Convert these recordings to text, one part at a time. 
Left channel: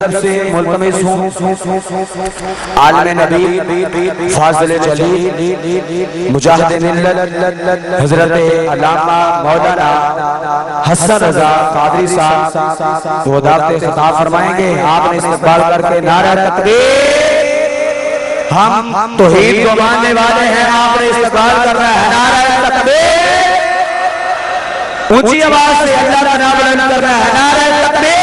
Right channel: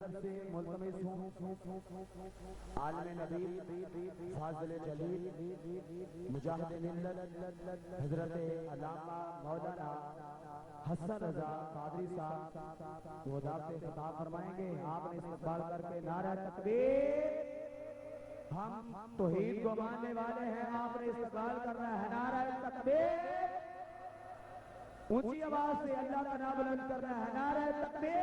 سے ملتمس ہوں عالم نبی فاضل جلیل مجاہد ملت حضرت علامہ مولانا حسن رضا قادری صاحب وہ دعوت خطاب فرمائیں گے. آپ نے استقبال کر کے نعرہ تکبیر. ہم توحید کو ماننے والے ہیں, آپ نے استقبال کر رہا ہے نعرہ تکبیر. اونچی آواز سے اللہ کا نام بلند کر رہا ہے نعرہ تکبیر.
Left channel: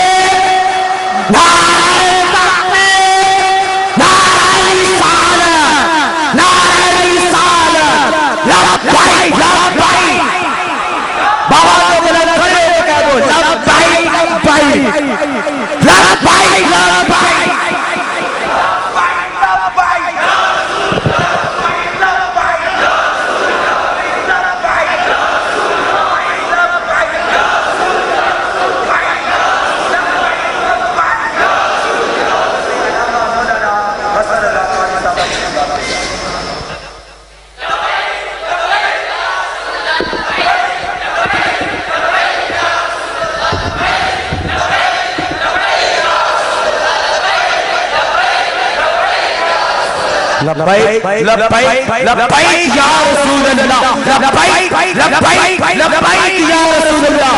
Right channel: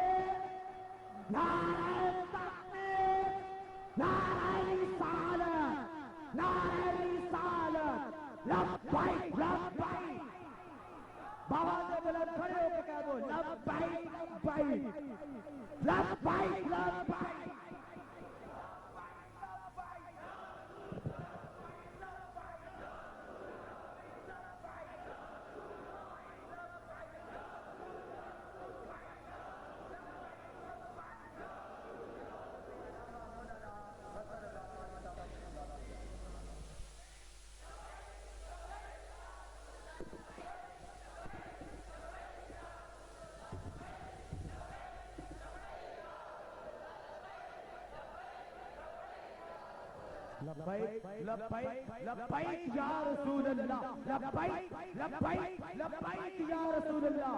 لبیک لبیک لبیک یا رسول اللہ, لبیک لبیک لبیک یا رسول اللہ.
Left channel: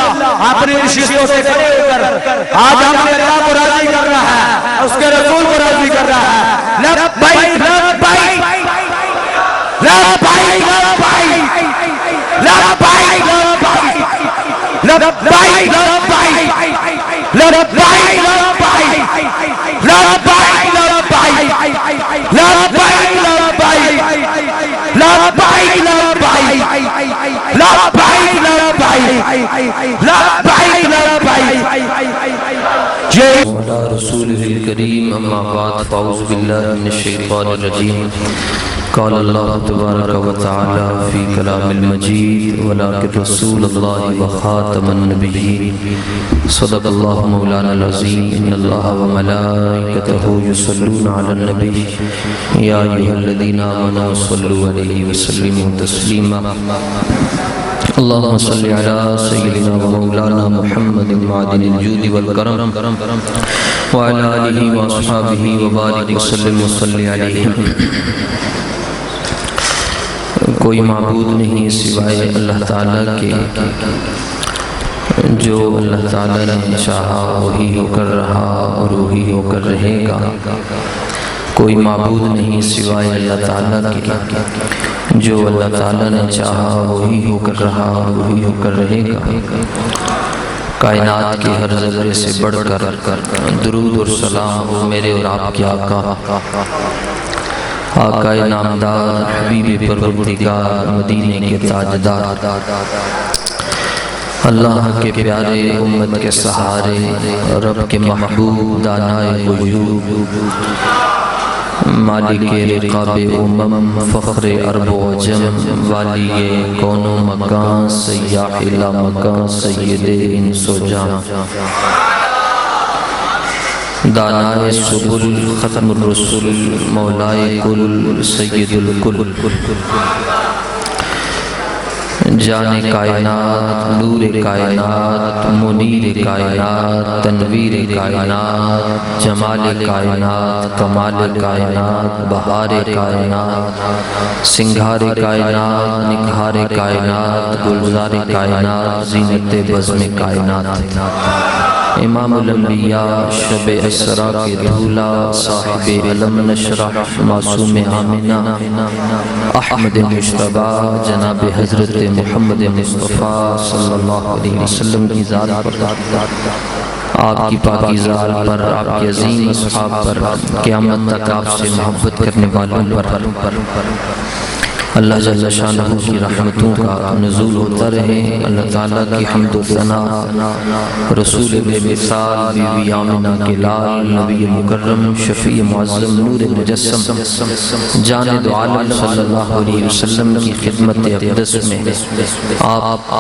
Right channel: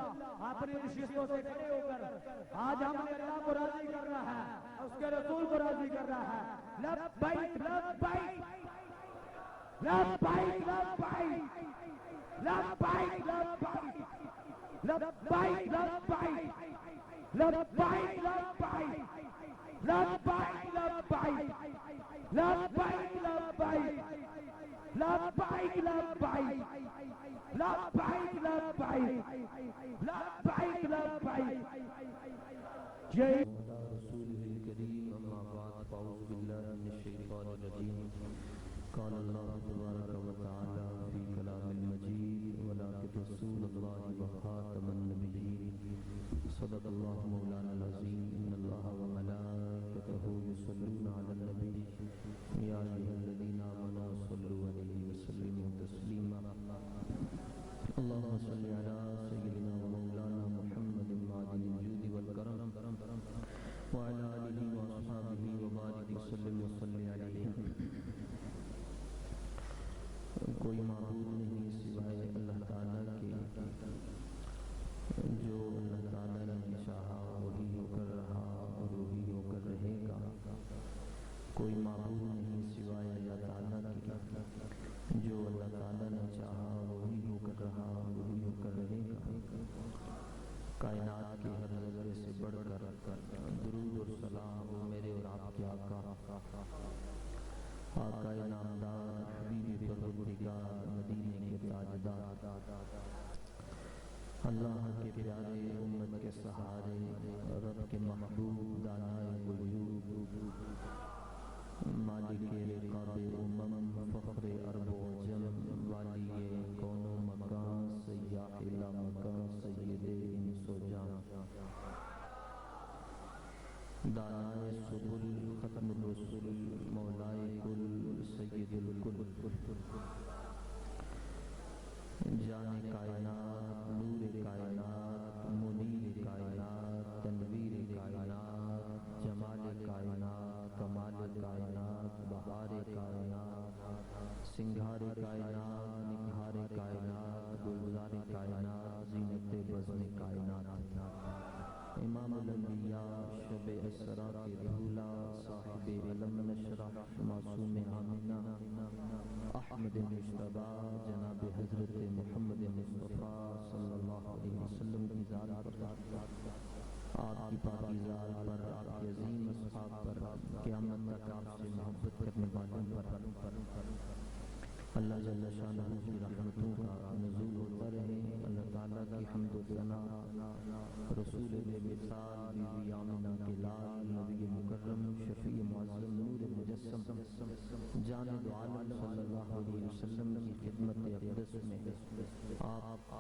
اپنی نشستوں سے کھڑے ہو کر آج ہم نے اللہ کو راضی کر رہا ہے, اس کے رسول کو راضی کر رہا ہے. لبیک لبیک لبیک لبیک لبیک لبیک وعلى رسوله الكريم أما بعد فأعوذ بالله من الشيطان الرجيم. قال الله تبارك وتعالى في كلام المجيد ولكن رسول الله وخاتم النبيين. صدق الله مولانا العظيم. إن الله وملائكته يصلون على النبي يا أيها الذين آمنوا صلوا عليه وسلموا تسليما. اللهم صل على سيدنا ومولانا محمد معدن الجود والكرم وعلى آله وأصحابه وبارك وسلم وصلي عليه. کوئی معبود نہیں سوائے اللہ تعالیٰ کے, جو اللہ تعالیٰ نے چاہا وہی ہو کر رہا اور وہی ہو کر رہے گا. کوئی معبود نہیں سوائے اللہ تعالیٰ کے, جو اللہ تعالیٰ نے چاہا وہی ہو کر رہا اور وہی ہو کر رہے گا. کائنات کے ہر ذرے سے بڑھ کر درود اور سلام ہو میرے اور آپ کے آقا آقا نامدار حبیب پروردگار مدینے کے تاجدار, اللہ کے پیارے امت کے سہارے, رب کے محبوب دانائے وجود, مالک رقاب امم فخر عرب و عجم, والی کون و مکان سیاح لا مکان سید انس و جان, دانائے سبل ختم الرسل مولائے کل سید الکل, جان کائنات نور کائنات منیر کائنات تنویر کائنات جمال کائنات کمال کائنات بہار کائنات سنگھار کائنات نکھار کائنات گلزار کائنات زینت بزم کائنات. امام الانبیاء شب اسرا کے دھولا صاحب علم نشرح معصوم آمنہ احمد مشتبہ جناب حضرت محمد مصطفیٰ صلی اللہ علیہ وسلم کی ذات پر, آپ کی پاکیزہ ذات پر, آپ کے عظیم اصحاب پر, قیامت تک آپ سے محبت کرنے والوں پر اللہ جل شانہ کی رحمتوں کا نزول ہوتا رہے. اللہ تعالیٰ کی حمد و ثنا رسول بے مثال بی بی آمنہ کے لال نبی مکرم شفیع معظم نور مجسم جان دو عالم صلی اللہ علیہ وسلم کی خدمت اقدس میں آپ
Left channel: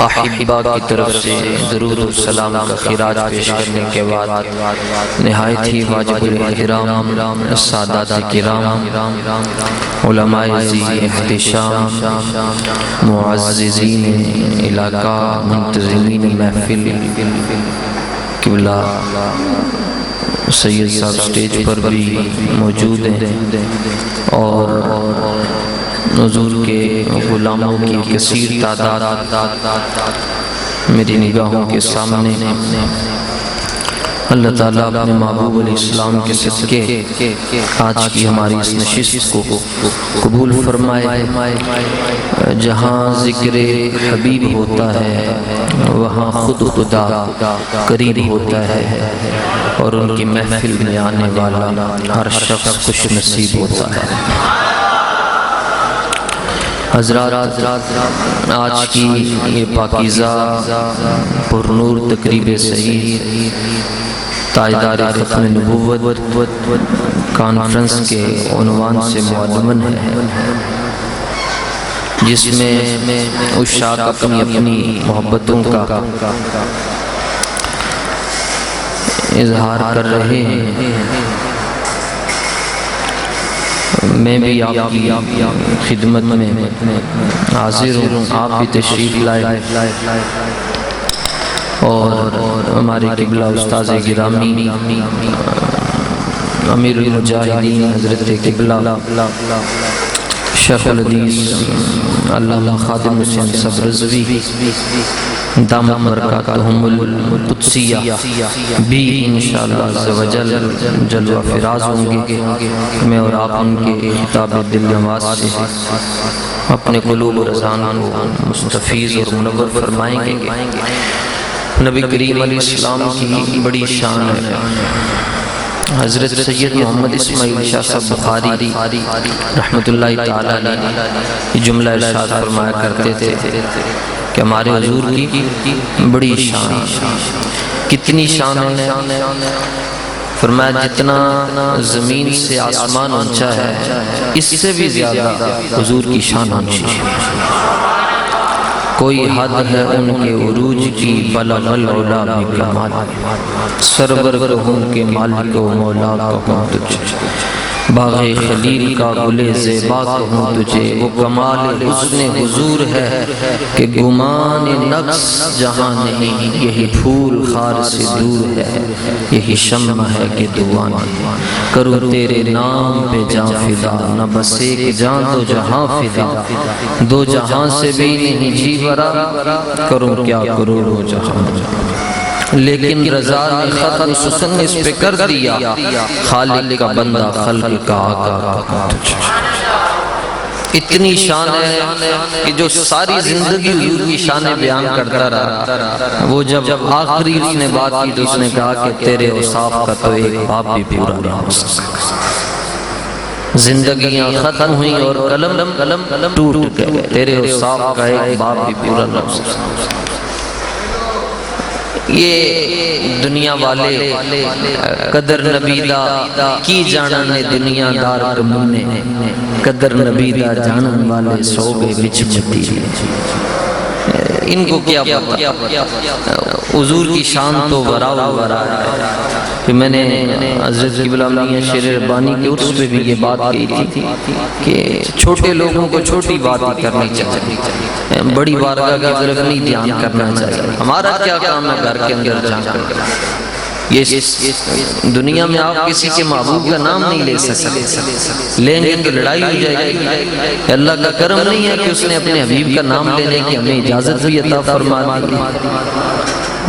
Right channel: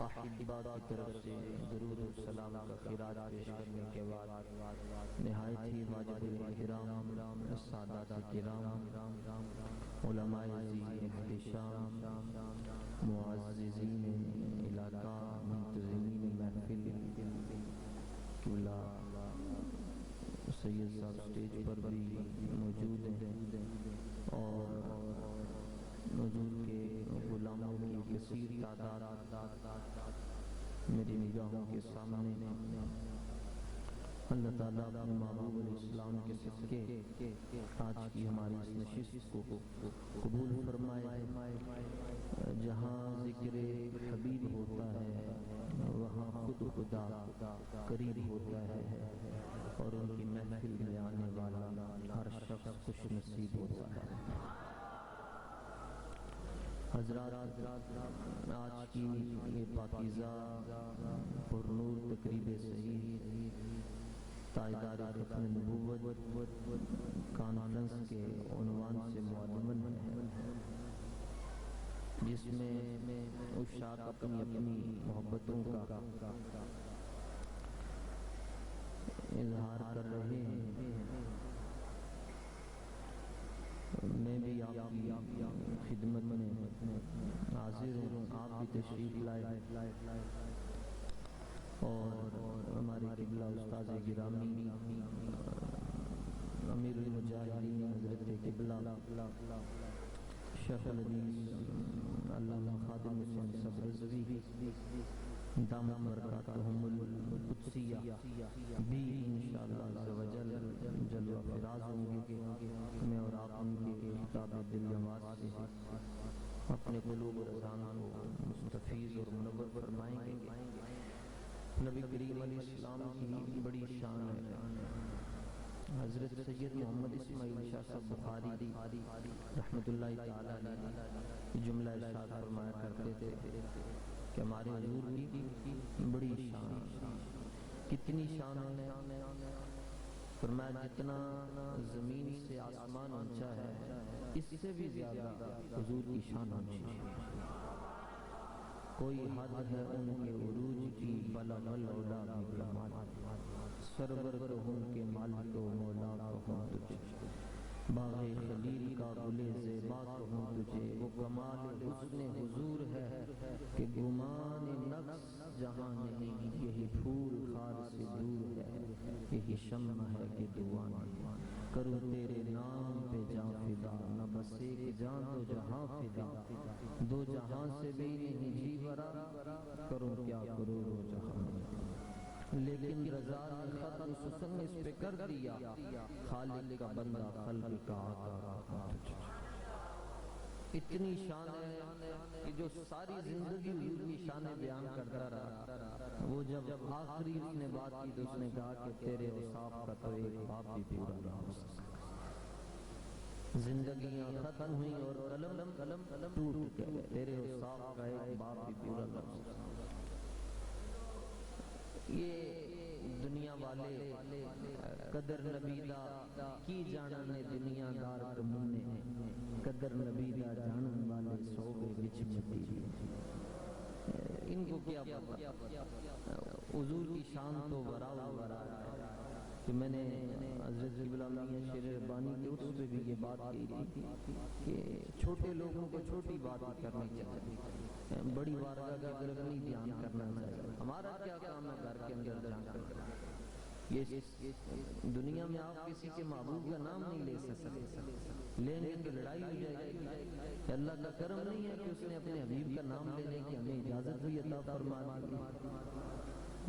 احبہ کی طرف سے درود و سلام کا خراج پیش کرنے کے بعد نہایت ہی واجب الاحترام سادات کرام علماء ذی احتشام معززین علاقہ منتظمین محفل قبلہ سید صاحب سٹیج پر بھی موجود ہیں اور حضور کے غلاموں کی کثیر تعداد میری نگاہوں کے سامنے اللہ تعالیٰ اپنے محبوب علیہ السلام کے صدقے آج کی ہماری اس نشست کو قبول فرمائے۔ جہاں ذکر حبیب ہوتا ہے وہاں خود خدا قریب ہوتا ہے اور ان کی محفل میں آنے والا ہر شخص خوش نصیب ہوتا ہے۔ حضرات، آج کی یہ پاکیزہ پر نور تقریب صحیح تاجدار ختم نبوت کانفرنس کے عنوان سے معلوم ہے، جس میں عشاق اپنی اپنی محبتوں کا اظہار کر رہے ہیں۔ میں بھی آپ کی خدمت میں حاضر ہوں، آپ بھی تشریف لائے اور ہمارے قبلہ استاذ گرامی امیر المجاہدین حضرت قبلہ شیخ الحدیث علامہ خادم حسین صاحب رضوی دامت برکاتہم القدسیہ بھی انشاءاللہ عز و جل جلوہ فراز ہوں گے۔ میں اور آپ ان کے خطاب دل نواز سے اپنے قلوب اور اذہان کو مستفیض اور منور فرمائیں گے۔ نبی کریم علیہ السلام کی بڑی شان ہے۔ حضرت سید محمد اسماعیل شاہ صاحب بخاری رحمت اللہ تعالیٰ علیہ جملہ ارشاد فرمایا کرتے تھے کہ ہمارے حضور کی بڑی شان، کتنی شان ہے؟ فرمایا جتنا زمین سے آسمان اونچا ہے اس سے بھی زیادہ حضور کی شان اونچی ہے۔ کوئی حد ہے ان کے عروج کی بلغ العلا بکمال، سرور کہوں کے مالک و مولا کہوں تجھے، باغ خلیل کا گل زیبا کہوں تجھے، وہ کمال حسن حضور ہے کہ گمان نقص جہاں نہیں، یہی پھول خار سے دور ہے، یہی شمع ہے کہ دعا نہیں، کروں تیرے نام پہ جان فدا، نہ بس ایک جان دو جہاں فدا، دو جہاں سے بھی نہیں جی برا، کروں کیا کروڑوں جہاں، لیکن رضا نے ختم سسن اس پہ کر دیا، خالق کا بندہ خلق کا آقا تجھے۔ اتنی شان ہے کہ جو ساری زندگی حضور کی شان بیان کرتا رہا، وہ جب آخری اس نے بات کی تو اس نے کہا کہ تیرے اوصاف کا تو ایک باب بھی پورا نہیں ہو سکتا۔ زندگیاں ختم ہوئیں اور قلم ٹوٹ گئے، تیرے اوصاف کا ایک باب بھی پورا نہ ہو سکتا۔ یہ دنیا والے قدر نبی دا کی جاننے دنیا دار کمونے، قدر نبی دا جانن والے سوگے بچ مٹی، ان کو کیا پتا حضور کی شان تو وراء ورا ہے۔ کہ میں نے حضرت قبلہ میاں شیر ربانی کے عرس پہ بھی یہ بات کہی تھی کہ چھوٹے لوگوں کو چھوٹی بات کرنی چاہیے، بڑی بارگاہ کی طرف نہیں دھیان کرنا چاہیے۔ ہمارا کیا کام ہے گھر کے اندر جا کر؟ یہ دنیا میں آپ کسی کے محبوب کا نام نہیں لے سکتے، لیں گے تو لڑائی ہو جائے گی۔ اللہ کا کرم نہیں ہے کہ اس نے اپنے حبیب کا نام لینے کی ہمیں اجازت بھی عطا فرما دی۔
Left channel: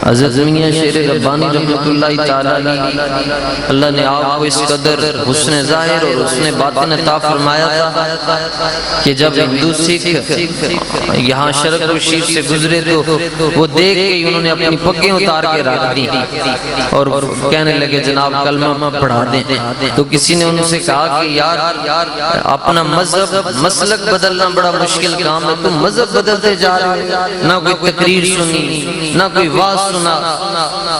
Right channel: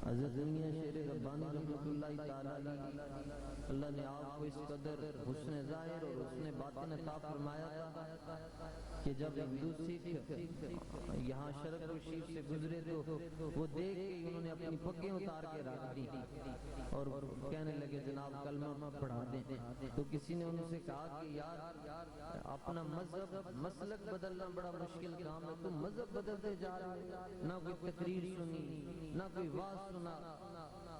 حضرت میاں شیر ربانی رحمت اللہ تعالیٰ اللہ نے آپ کو اس قدر حسن ظاہر اور حسن باطن عطا فرمایا تھا کہ جب ہندو سکھ یہاں شرق و شیر سے گزرے تو وہ دیکھ کے انہوں نے اپنی پگیں اتار کے رکھ دی اور کہنے لگے جناب کلمہ پڑھا دیں۔ تو کسی نے ان سے کہا کہ یار اپنا مذہب مسلک بدلنا بڑا مشکل کام ہے، تم مذہب بدلتے جا رہے ہو، نہ کوئی تقریر سنی نہ کوئی واز سنا،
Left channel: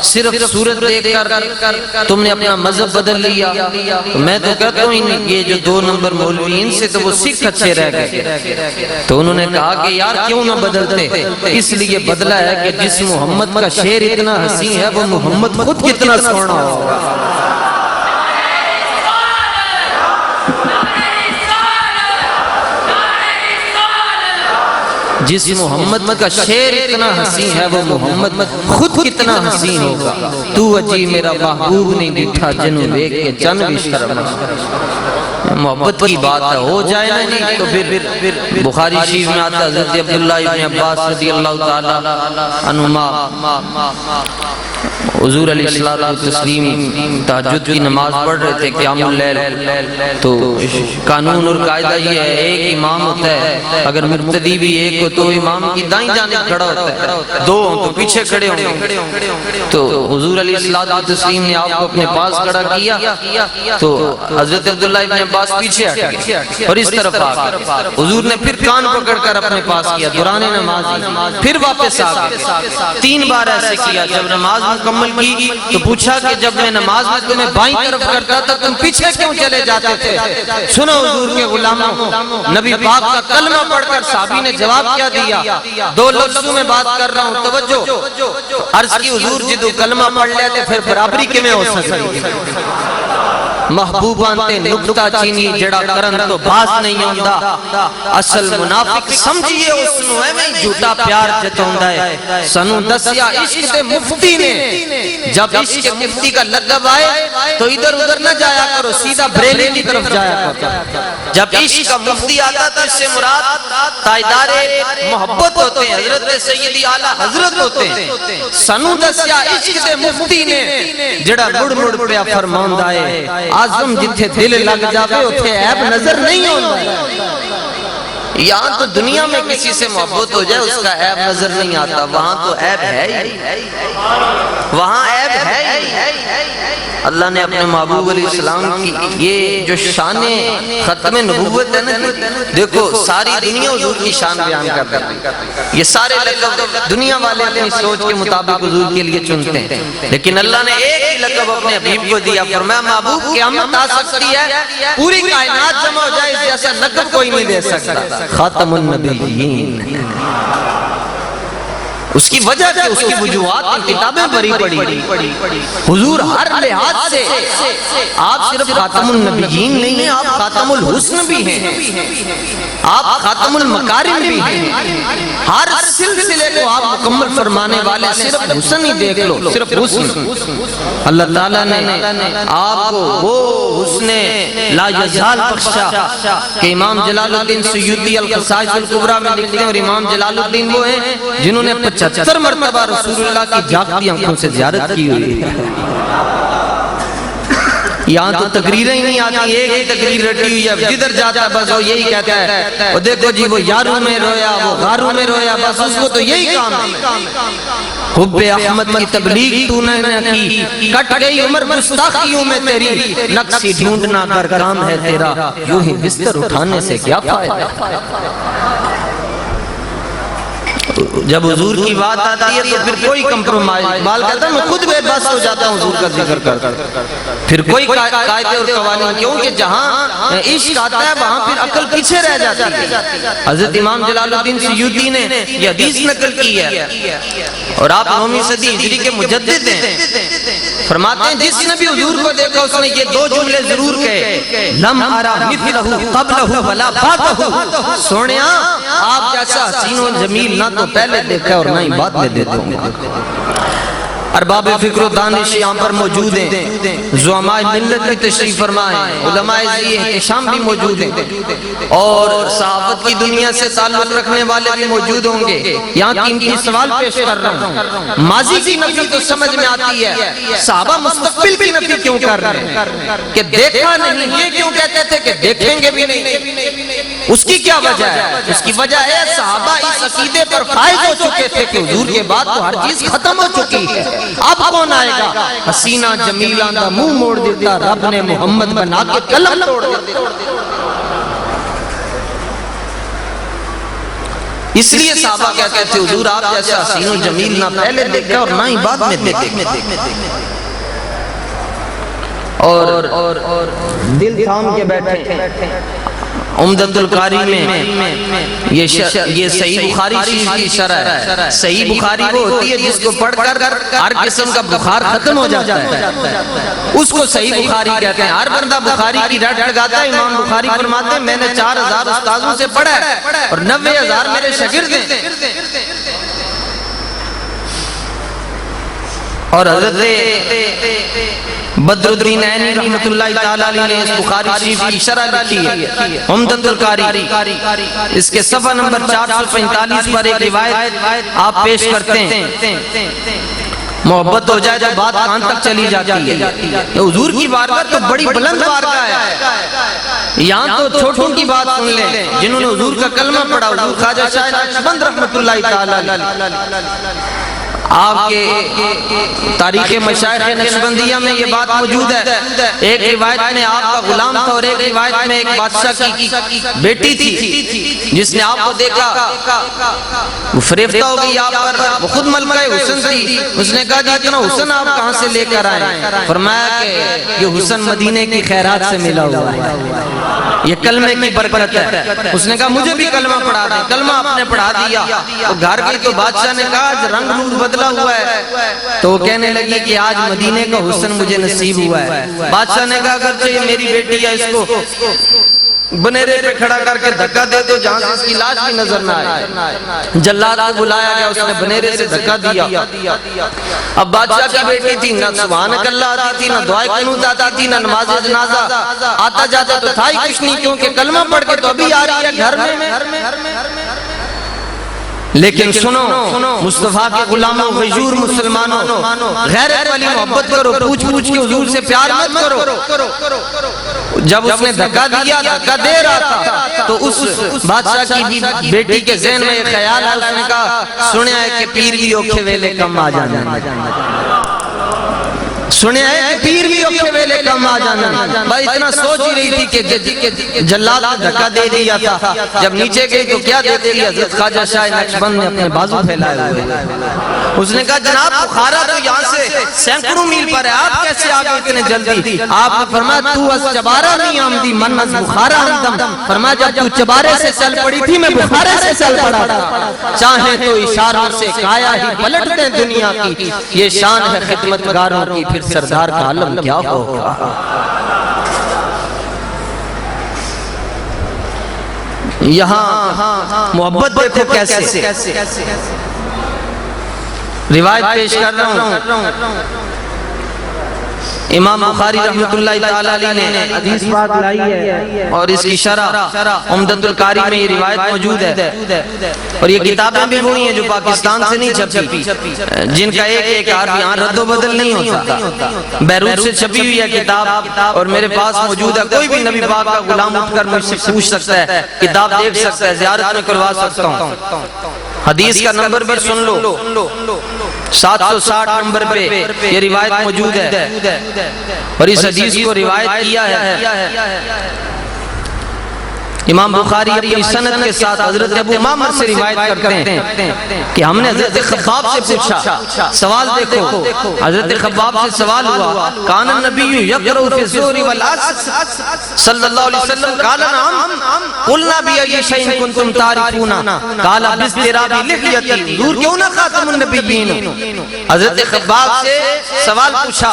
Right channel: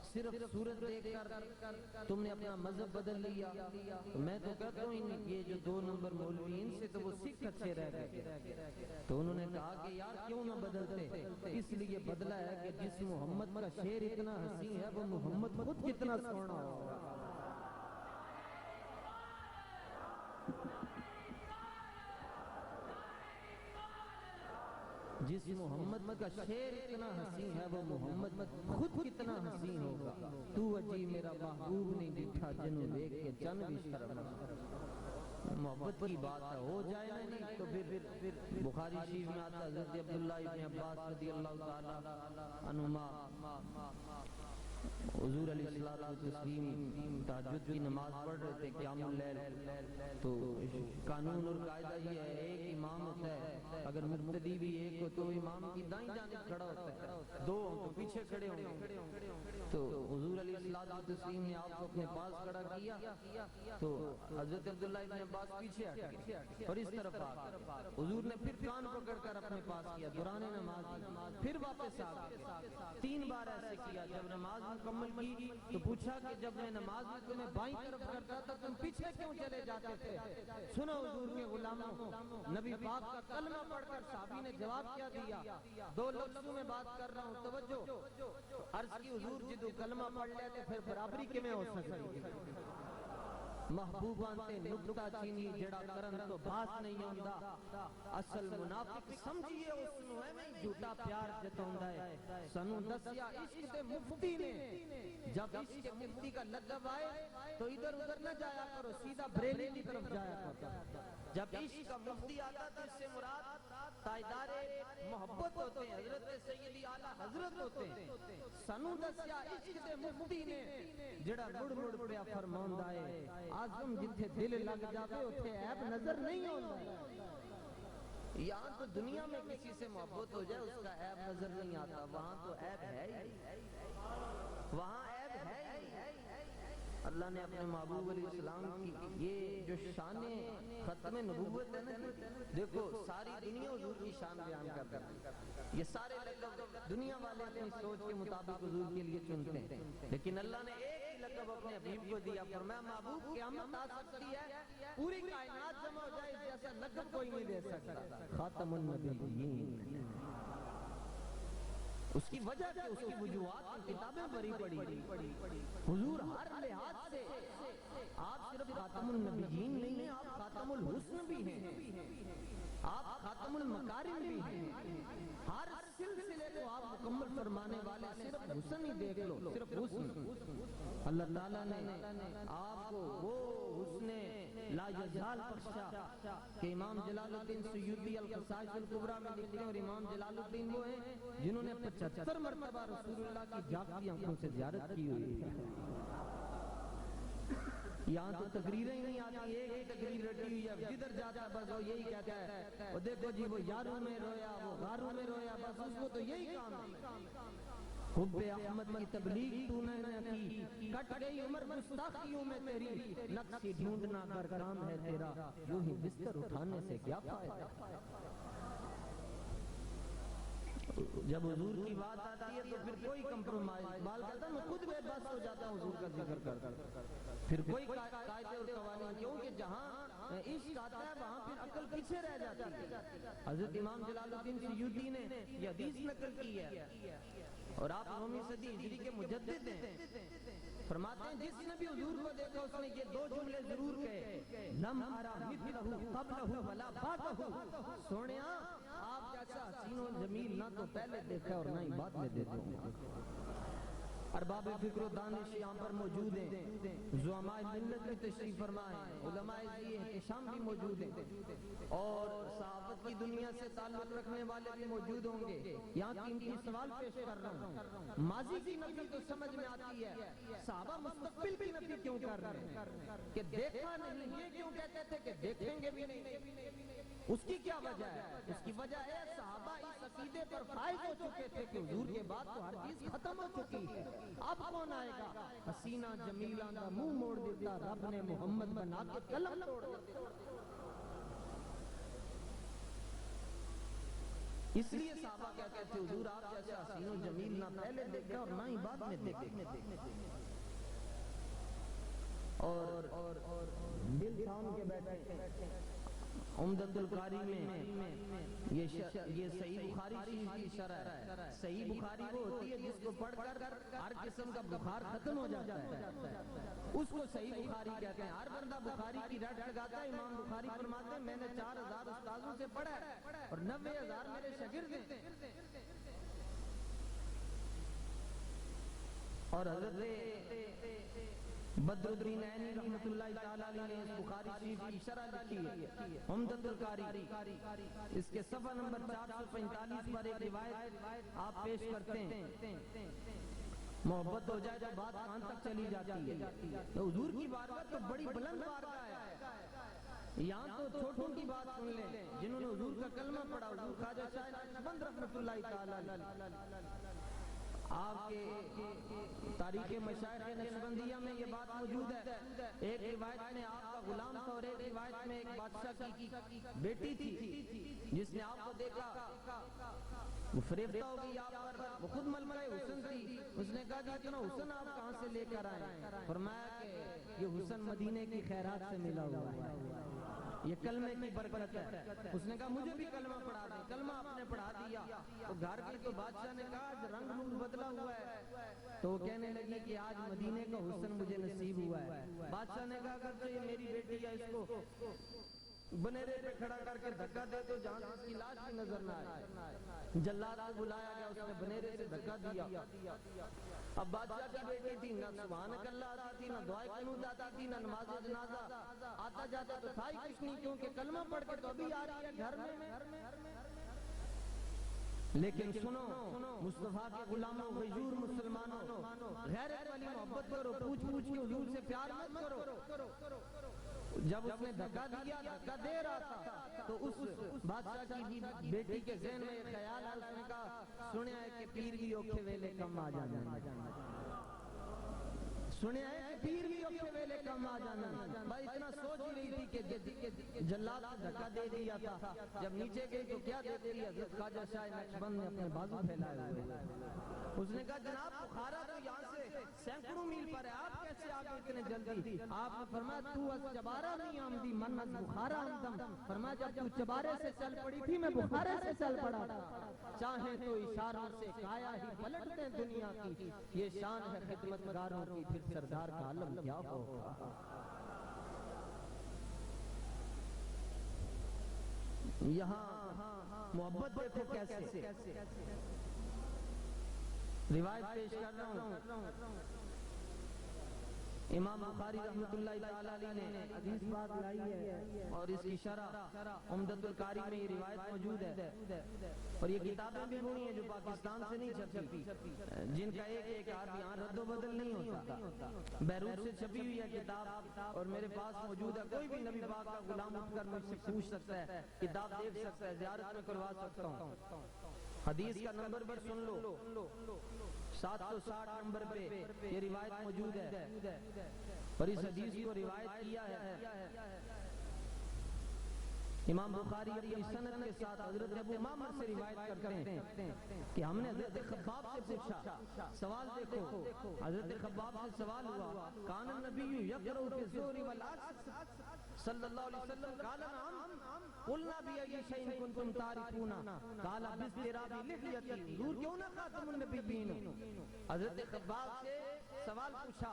صرف صورت دیکھ کر تم نے اپنا مذہب بدل لیا۔ تو میں تو کہتا ہوں یہ جو 2 نمبر مولوی ان سے تو وہ سکھ اچھے رہ گئے۔ تو انہوں نے کہا کہ یار کیوں نہ بدلتے؟ اس لیے بدلا ہے کہ جس محمد کا شعر اتنا حسین ہے وہ محمد خود کتنا سونا ہوگا۔ جس محمد کا شعر اتنا حسین ہے وہ محمد خود کتنا حسین ہوگا. تو اجی میرا محبوب نہیں ڈٹھا جنوں دیکھ کے چن بھی شرم. محبت کی بات ہے، ہو جائے نا نہیں تو پھر بخاری شریف میں آتا حضرت عبداللہ ابن عباس رضی اللہ تعالی عنہما حضور علیہ الصلوۃ والتسلیم تہجد کی نماز پڑھ رہے تھے قیام اللیل. تو قانون اور قاعدہ یہ ہے ایک امام ہوتا ہے، اگر مقتدی بھی ایک ہو تو امام کی دائیں جانب کھڑا ہوتا ہے، دو ہوں تو پیچھے کھڑے ہوں گے. تو حضور علیہ الصلوۃ والتسلیم نے آپ کو اپنے پاس کھڑا کیا تو حضرت عبداللہ ابن عباس پیچھے ہٹ گئے اور اس طرف آ گئے. حضور نے پھر کان پکڑ کر اپنے پاس کیا دوران نماز، پھر واپس آ گئے. 3 بار ایسے کیا. جب نماز مکمل کی تو پوچھا کہ جب میں نماز میں تمہیں بائیں طرف کرتا تھا تم پیچھے کیوں چلے جاتے تھے؟ سنو حضور کے غلاموں، نبی پاک کا کلمہ پڑھ کر صحابی نے جواب کیا دیا. 2 لفظوں میں بات کر رہا ہوں، توجہ. عرض کی حضور جدو کلمہ پڑھ لیتے پھر برابری کیویں ہو سکتی؟ محبوبان تے نکتہ چینی جڑا کرن تو باز نہیں ہوندا. اصل منافق سمجھئے اس نو ایویں جھوٹا پیار جتوندا ہے. سنو دسیا عشق دے مفتی نے جب عشق مفتی کا لقب آئے تو ادھر ادھر نہ جایا کرو، سیدھا بریلی کی طرف جایا کرو. جب عشق کا مفتی آتا تو اس سے مراد تائیدار محبت ہوتے ہیں، حضرت سیدی اعلیٰ حضرت ہوتے ہیں. سنو دسیا عشق دے مفتی نے جڑا مڑ مڑ پیا فرماندا ہے آزم جتھے دل لگ جاوے اتھے عیب نظر نہیں ہوتا. یہاں تو دنیا میں کسی سے محبت ہو جائے اس کا عیب نظر نہیں آتا، وہاں تو عیب ہے ہی، وہاں عیب ہے ہی. اللہ نے اپنے محبوب علیہ السلام کی یہ جو شان ختم نبوت ہے نا، دیکھو ساری دنیا حضور کی شان بیان کرتا ہے. یہ سارے لقب دنیا والے اپنی سوچ کے مطابق حضور کے لیے چنتے ہیں، لیکن اللہ نے ایک ہی لقب اپنے حبیب کو دیا. فرمایا محبوب قیامت آ سکتی ہے پوری کائنات جمع ہو جائے اس جیسا لقب کوئی نہیں دے سکتا. خاتم النبیین. اس کی وجہ کہ اس کی وجوہات کی کتابیں بری پڑی. حضور ہر لحاظ سے آپ صرف خاتم النبیین نہیں ہیں، آپ خاتم الحسن بھی ہیں، آپ خاتم المکارم بھی ہیں. ہر سلسلے کو آپ مکمل فرمانے والے. صرف حسن ہی دیکھ لو، صرف حسن. اللہ تعالیٰ نے آپ کو وہ حسن لا یزال بخشا کہ امام جلال الدین سیوطی القصائص الکبریٰ میں لکھتے ہیں، اور امام جلال الدین وہ ہیں جنہوں نے 75 مرتبہ رسول اللہ کی جاگتی آنکھوں سے زیارت کی ہوئی ہے. یہاں تو تقریریں ہی نہیں آتی، ایک ہی تقریر رٹی ہوئی ہے، جدھر جاتا ہے بس وہ یہی کہتا ہے وہ دیکھو جی وہ یاروں میں رویا، وہ غاروں میں رویا، بس اس کو تو یہی کام ہے. حب احمد کی تبلیغ تو نے نہ کی، کٹ گئی عمر گستاخیوں میں تیری، نقصی ڈھونڈنا کر کام ہے تیرا، یوں ہی بستر اٹھانے سے کیا فائدہ. جب حضور کی بات آتی ہے تو پھر کوئی کمپرومائز. بال کہتا ہے میں خود بے بس ہو جاتا ہوں حضور کا ذکر کر. پھر کوئی قاعدے اور قوانین، کیونکہ جہاں عشق آتا ہے وہاں پھر عقل پیچھے رہ جاتی ہے. حضرت امام جلال الدین سیوطی نے یہ حدیث نقل کی ہے اور آپ 9ویں صدی ہجری کے مجدد ہیں. فرماتے ہیں جس نے بھی حضور کو دیکھا اس نے یہ 2 جملے ضرور کہے، لم ارا مثلہ قبلہ ولا بعدہ. سونیا آپ جیسا حسین و جمیل نہ تو پہلے دیکھا اور نہ ہی بعد میں دیکھا. ارباب فکر و دانش یہاں پر موجود ہیں، زعماء ملت بھی تشریف فرمائیں، علماء احتشام بھی موجود ہیں، اور صحافت کی دنیا سے تعلق رکھنے والے بھی موجود ہوں گے. یہاں قیمتی سوال پیش کر رہا ہوں. ماضی کی نفی تو سمجھ میں آتی ہے، صحابہ مستقبل کی نفی کیوں کر رہے ہیں کہ دیکھا نہیں؟ یہ کیوں کہتے تھے کہ دیکھیں گے بھی نہیں؟ اس کی کیا وجہ ہے؟ اس کی وجہ ہے صحابہ اس عقیدے پر فائز ہو چکے تھے کہ حضور کے بعد تو ہر چیز ختم ہو چکی ہے، اب کون آئے گا؟ حسینہ جمیلہ دا منہ موڑ دیتا، رب نے محمد بنا کے قلم توڑ دیتا. اس لیے صحابہ کہتے تھے حضور آپ جیسا حسین و جمیل نہ پہلے دیکھا اور نہ ہی بعد میں دیکھا. اور دل تھام کے بیٹھے عمدۃ القاری میں یہ صحیح بخاری شریف کی شرح ہے. صحیح بخاری وہ ہوتی ہے جس کو پڑھ کر ہر قسم کا بخار ختم ہو جاتا ہے, اس کو صحیح بخاری کہتے ہیں. ہر بندہ بخاری کی رٹ لگاتا ہے. امام بخاری فرماتے ہیں میں نے 4000 استاذوں سے پڑھا ہے اور 90,000 میرے شاگرد ہیں. اور حضرت بدر الدین عینی رحمت اللہ تعالی علیہ نے اس بخاری شریف کی شرح لکھی ہے عمدۃ القاری. اس کے صفحہ نمبر 445 پر ایک روایت آپ پیش کرتے ہیں. محبت ہو جائے تو بات کہاں تک چلی جاتی ہے. حضور کی بارگاہ تو بڑی بلند بارگاہ ہے. یہاں تو چھوٹوں کی بات سن لیں جنہوں نے حضور کا کلمہ پڑھا. حضور خواجہ شاہ نقشبند رحمت اللہ تعالی علیہ آپ کے تاریخ مشائخ نقشبندیہ میں یہ بات موجود ہے. ایک روایت میں آپ کا غلام تھا اور ایک روایت میں ایک بادشاہ کی بیٹی تھی جس نے آپ کو دیکھا وہ فریفتہ ہو گئی آپ پر. وہ خود ملکہ حسن تھی. اس نے کہا جی اتنا حسن آپ کہاں سے لے کر آئے؟ فرمایا کہ یہ حسن مدینے کی خیرات سے ملا ہوا ہے, یہ کلمے کی برکت ہے. اس نے کہا مجھے بھی کلمہ پڑھا دیں. کلمہ آپ نے پڑھا دیا. گھر گئی تو بادشاہ نے کہا آج رنگ روپ بدلا ہوا ہے. تو وہ کہنے لگی کہ آج مدینے کا حسن مجھے نصیب ہوا ہے. بادشاہ نے کہا اگرچہ یہ میری بیٹی ہے, اس کو بنیرے پہ کھڑا کر کے دھکا دے دو جہاں سے اس کی لاش بھی نظر نہ آئے. جلاد کو بلایا گیا, اس نے بنیرے سے دھکا دیا. اب بادشاہ کی بیٹی تھی, نہ سبحانک اللہ آتی تھی, نہ دعائے قنوت آتی تھی, نہ نماز جنازہ آتا جاتا تو تھا ہی کچھ نہیں, کیونکہ کلمہ پڑھ کے تو ابھی آ رہی ہے گھر میں. لیکن سنو مصطفیٰ کے غلاموں غیور مسلمانوں, غیرت والی محبت کرو, پوچھ پوچھ کے حضور سے پیار مت کرو. جب اس نے دھکا دیا, دھکا دے رہا تھا, تو اس بادشاہ کی بیٹی کے ذہن میں ایک خیال ہے. اس نے کہا سنیا ہے کہ پیر بھی اوکھے ویلے کم آ جانا, سنیا ہے کہ پیر بھی اوکھے ویلے کم آ جانا. بھائی اتنا سوچ ہی رہی تھی کہ جلاد نے دھکا دے دیا تھا. جب نیچے گئی تو کیا دیکھتی ہے, حضرت خواجہ شاہ نقشبند نے اپنے بازو پھیلائے ہوئے. اس نے کہا جناب بخارا تو یہاں سے سینکڑوں میل پر ہے, آپ کیسے آگے اتنے جلدی؟ آپ نے فرمایا تو از چبارہ نہیں آمدی من از بخارا آمدم. فرمایا جب تو چبارے سے چل پڑی تھی میں بخارے سے چل پڑا تھا. چاہیں تو اشاروں سے کایا ہی پلٹ دیں دنیا کی, یہ شان ہے خدمتگاروں کی, پھر سردار کا عالم کیا ہوگا. یہاں محبت دیکھو کیسے. روایت پیش کر رہا ہوں, امام بخاری رحمت اللہ تعالی علیہ نے حدیث بات لائی ہے اور اس کی شرح عمدۃ القاری میں یہ روایت موجود ہے. اور یہ کتابیں بھی وہی ہیں جو پاکستان سے نہیں چھپی, جن کا ایک ایک حرف یہاں رد و بدل نہیں ہوتا. بیروت سے چھپی ہوئی ہے کتاب اور میرے پاس موجود ہے. کوئی بھی نبی پاک کا غلام اٹھ کر مجھ سے پوچھ سکتا ہے, کتاب دیکھ سکتا ہے, زیارت میں کروا سکتا ہوں. حدیث کا نمبر بھی سن لو, 760 نمبر پہ یہ روایت موجود ہے. اور اس حدیث کو روایت کیا ہے امام بخاری اپنی سند کے ساتھ حضرت ابو امامہ سے روایت کرتے ہیں کہ ہم نے حضرت خباب سے پوچھا. سوال دیکھو, حضرت خباب سے سوال ہوا کان النبی یقرأ فی الظہر والعصر صلی اللہ علیہ وسلم قال نعم قلنا بأی شیء کنتم تعرفون قال باضطراب لحیتی. حضور کیوں نہ خاتم النبیین. حضرت خباب سے سوال پوچھا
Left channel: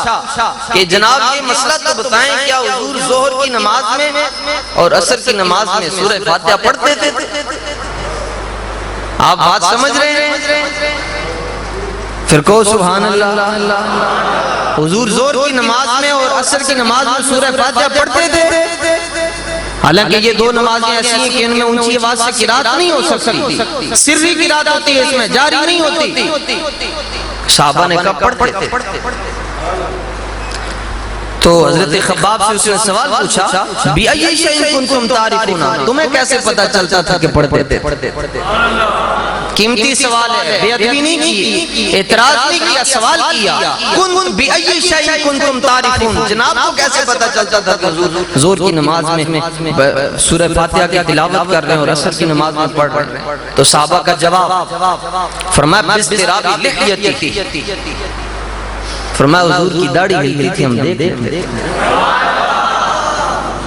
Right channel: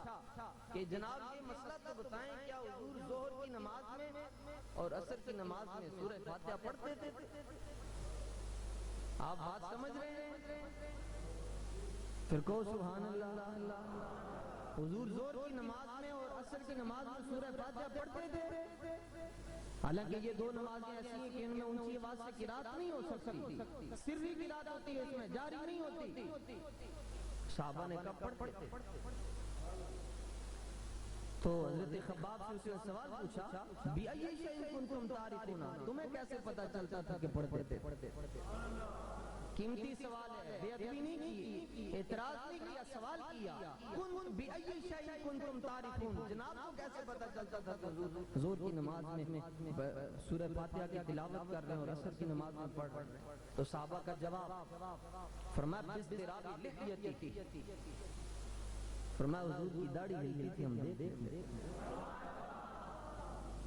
کہ جناب یہ مسئلہ تو بتائیں, کیا حضور ظہر کی نماز میں اور عصر کی نماز میں سورہ فاتحہ پڑھتے تھے؟ آپ بات سمجھ رہے ہیں؟ پھر کہو سبحان اللہ. حضور ظہر کی نماز میں اور عصر کی نماز میں سورہ فاتحہ پڑھتے تھے. حالانکہ یہ دو نمازیں ایسی ہیں کہ ان میں اونچی آواز سے قرات نہیں ہو سکتی, سری قرات ہوتی ہے, اس میں جاری نہیں ہوتی. صحابہ نے کہا پڑھتے تھے. تو حضرت خباب سے اس نے سوال پوچھا بِأَيِّ شَيْءٍ كُنتُمْ تَعْرِفُونَ, تمہیں کیسے پتا چلتا تھا کہ پڑھتے تھے؟ قیمتی سوال ہے, بے ادبی نہیں کی, اعتراض نہیں کیا, سوال کیا. بِأَيِّ شَيْءٍ كُنتُمْ تَعْرِفُونَ, جناب کو کیسے پتا چلتا تھا کہ حضور ظہر کی نماز میں سورہ فاتحہ کی تلاوت کر رہے ہیں اور عصر کی نماز میں پڑھ رہے ہیں؟ تو صحابہ کا جواب فرمایا باضطراب لحیتی. فرمایا حضور کی داڑھی ہلتی تھی, ہم دیکھتے تھے.